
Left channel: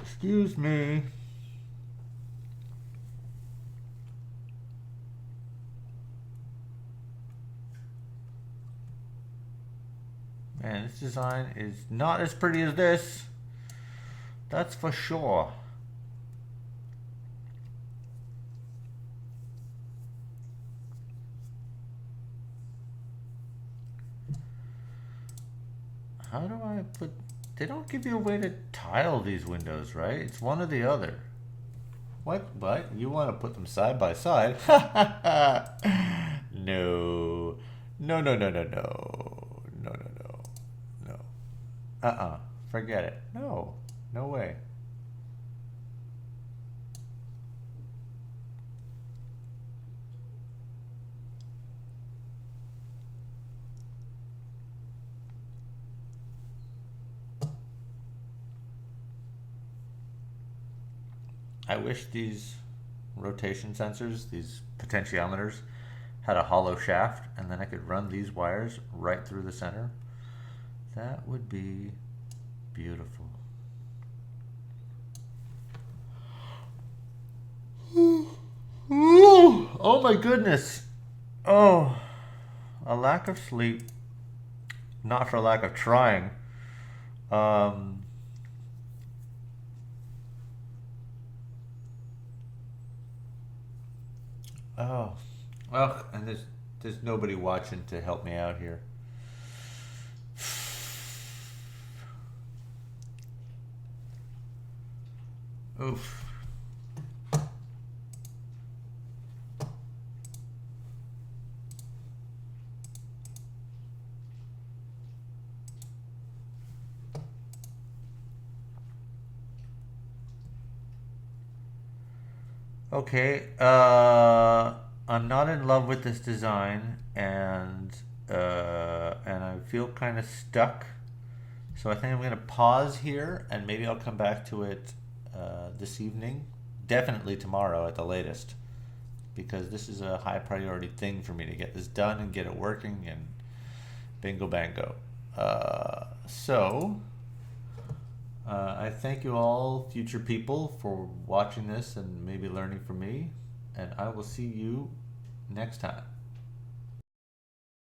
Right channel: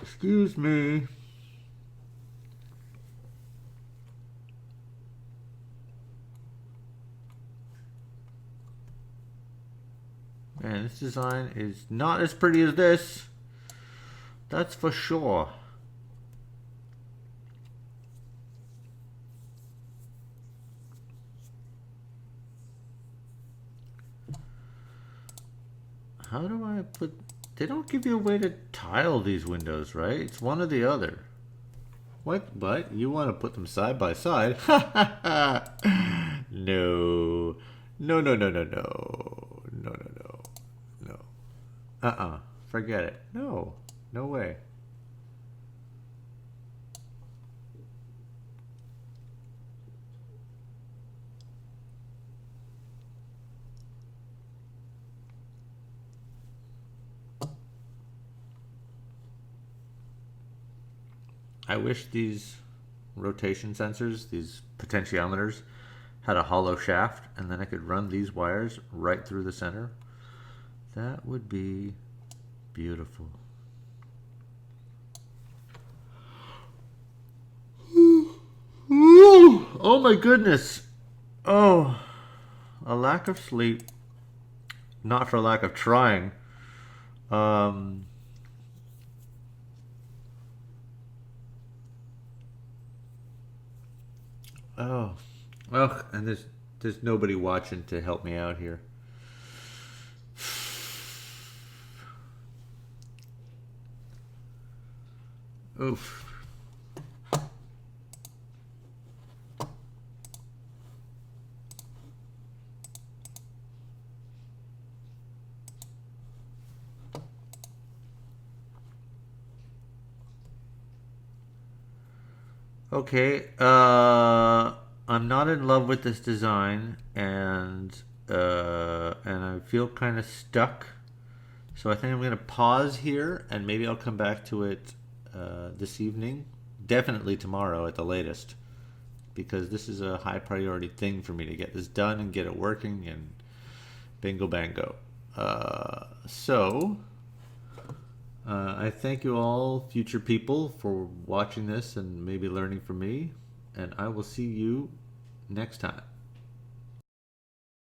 Excuse me. This design is not as pretty as this. That's for sure. How do I put... They don't give you a way to tile these windows, right? It's one or the other. What? You want to put them side by side? No. No, no, no, no, no. No, no, no. No. Forget it. No. No way. I wish these rotation sensors, these potentiometers, had a hollow shaft, and then I could run these wires right through the center. That would be beautiful. Oh my goodness. Oh, a lack of sleep. Not for lack of trying. Um, oh, well, and there's nobody watching to help me out here. Oof. Okay, I'm not in love with this design, and I feel kind of stuck. So I think I'm gonna pause here, and maybe I'll come back to it this evening. Definitely tomorrow at the latest, because this is a high priority thing for me to get this done and get it working, and bingo bango. I thank you all, future people, for watching this and maybe learning from me. And I will see you next time.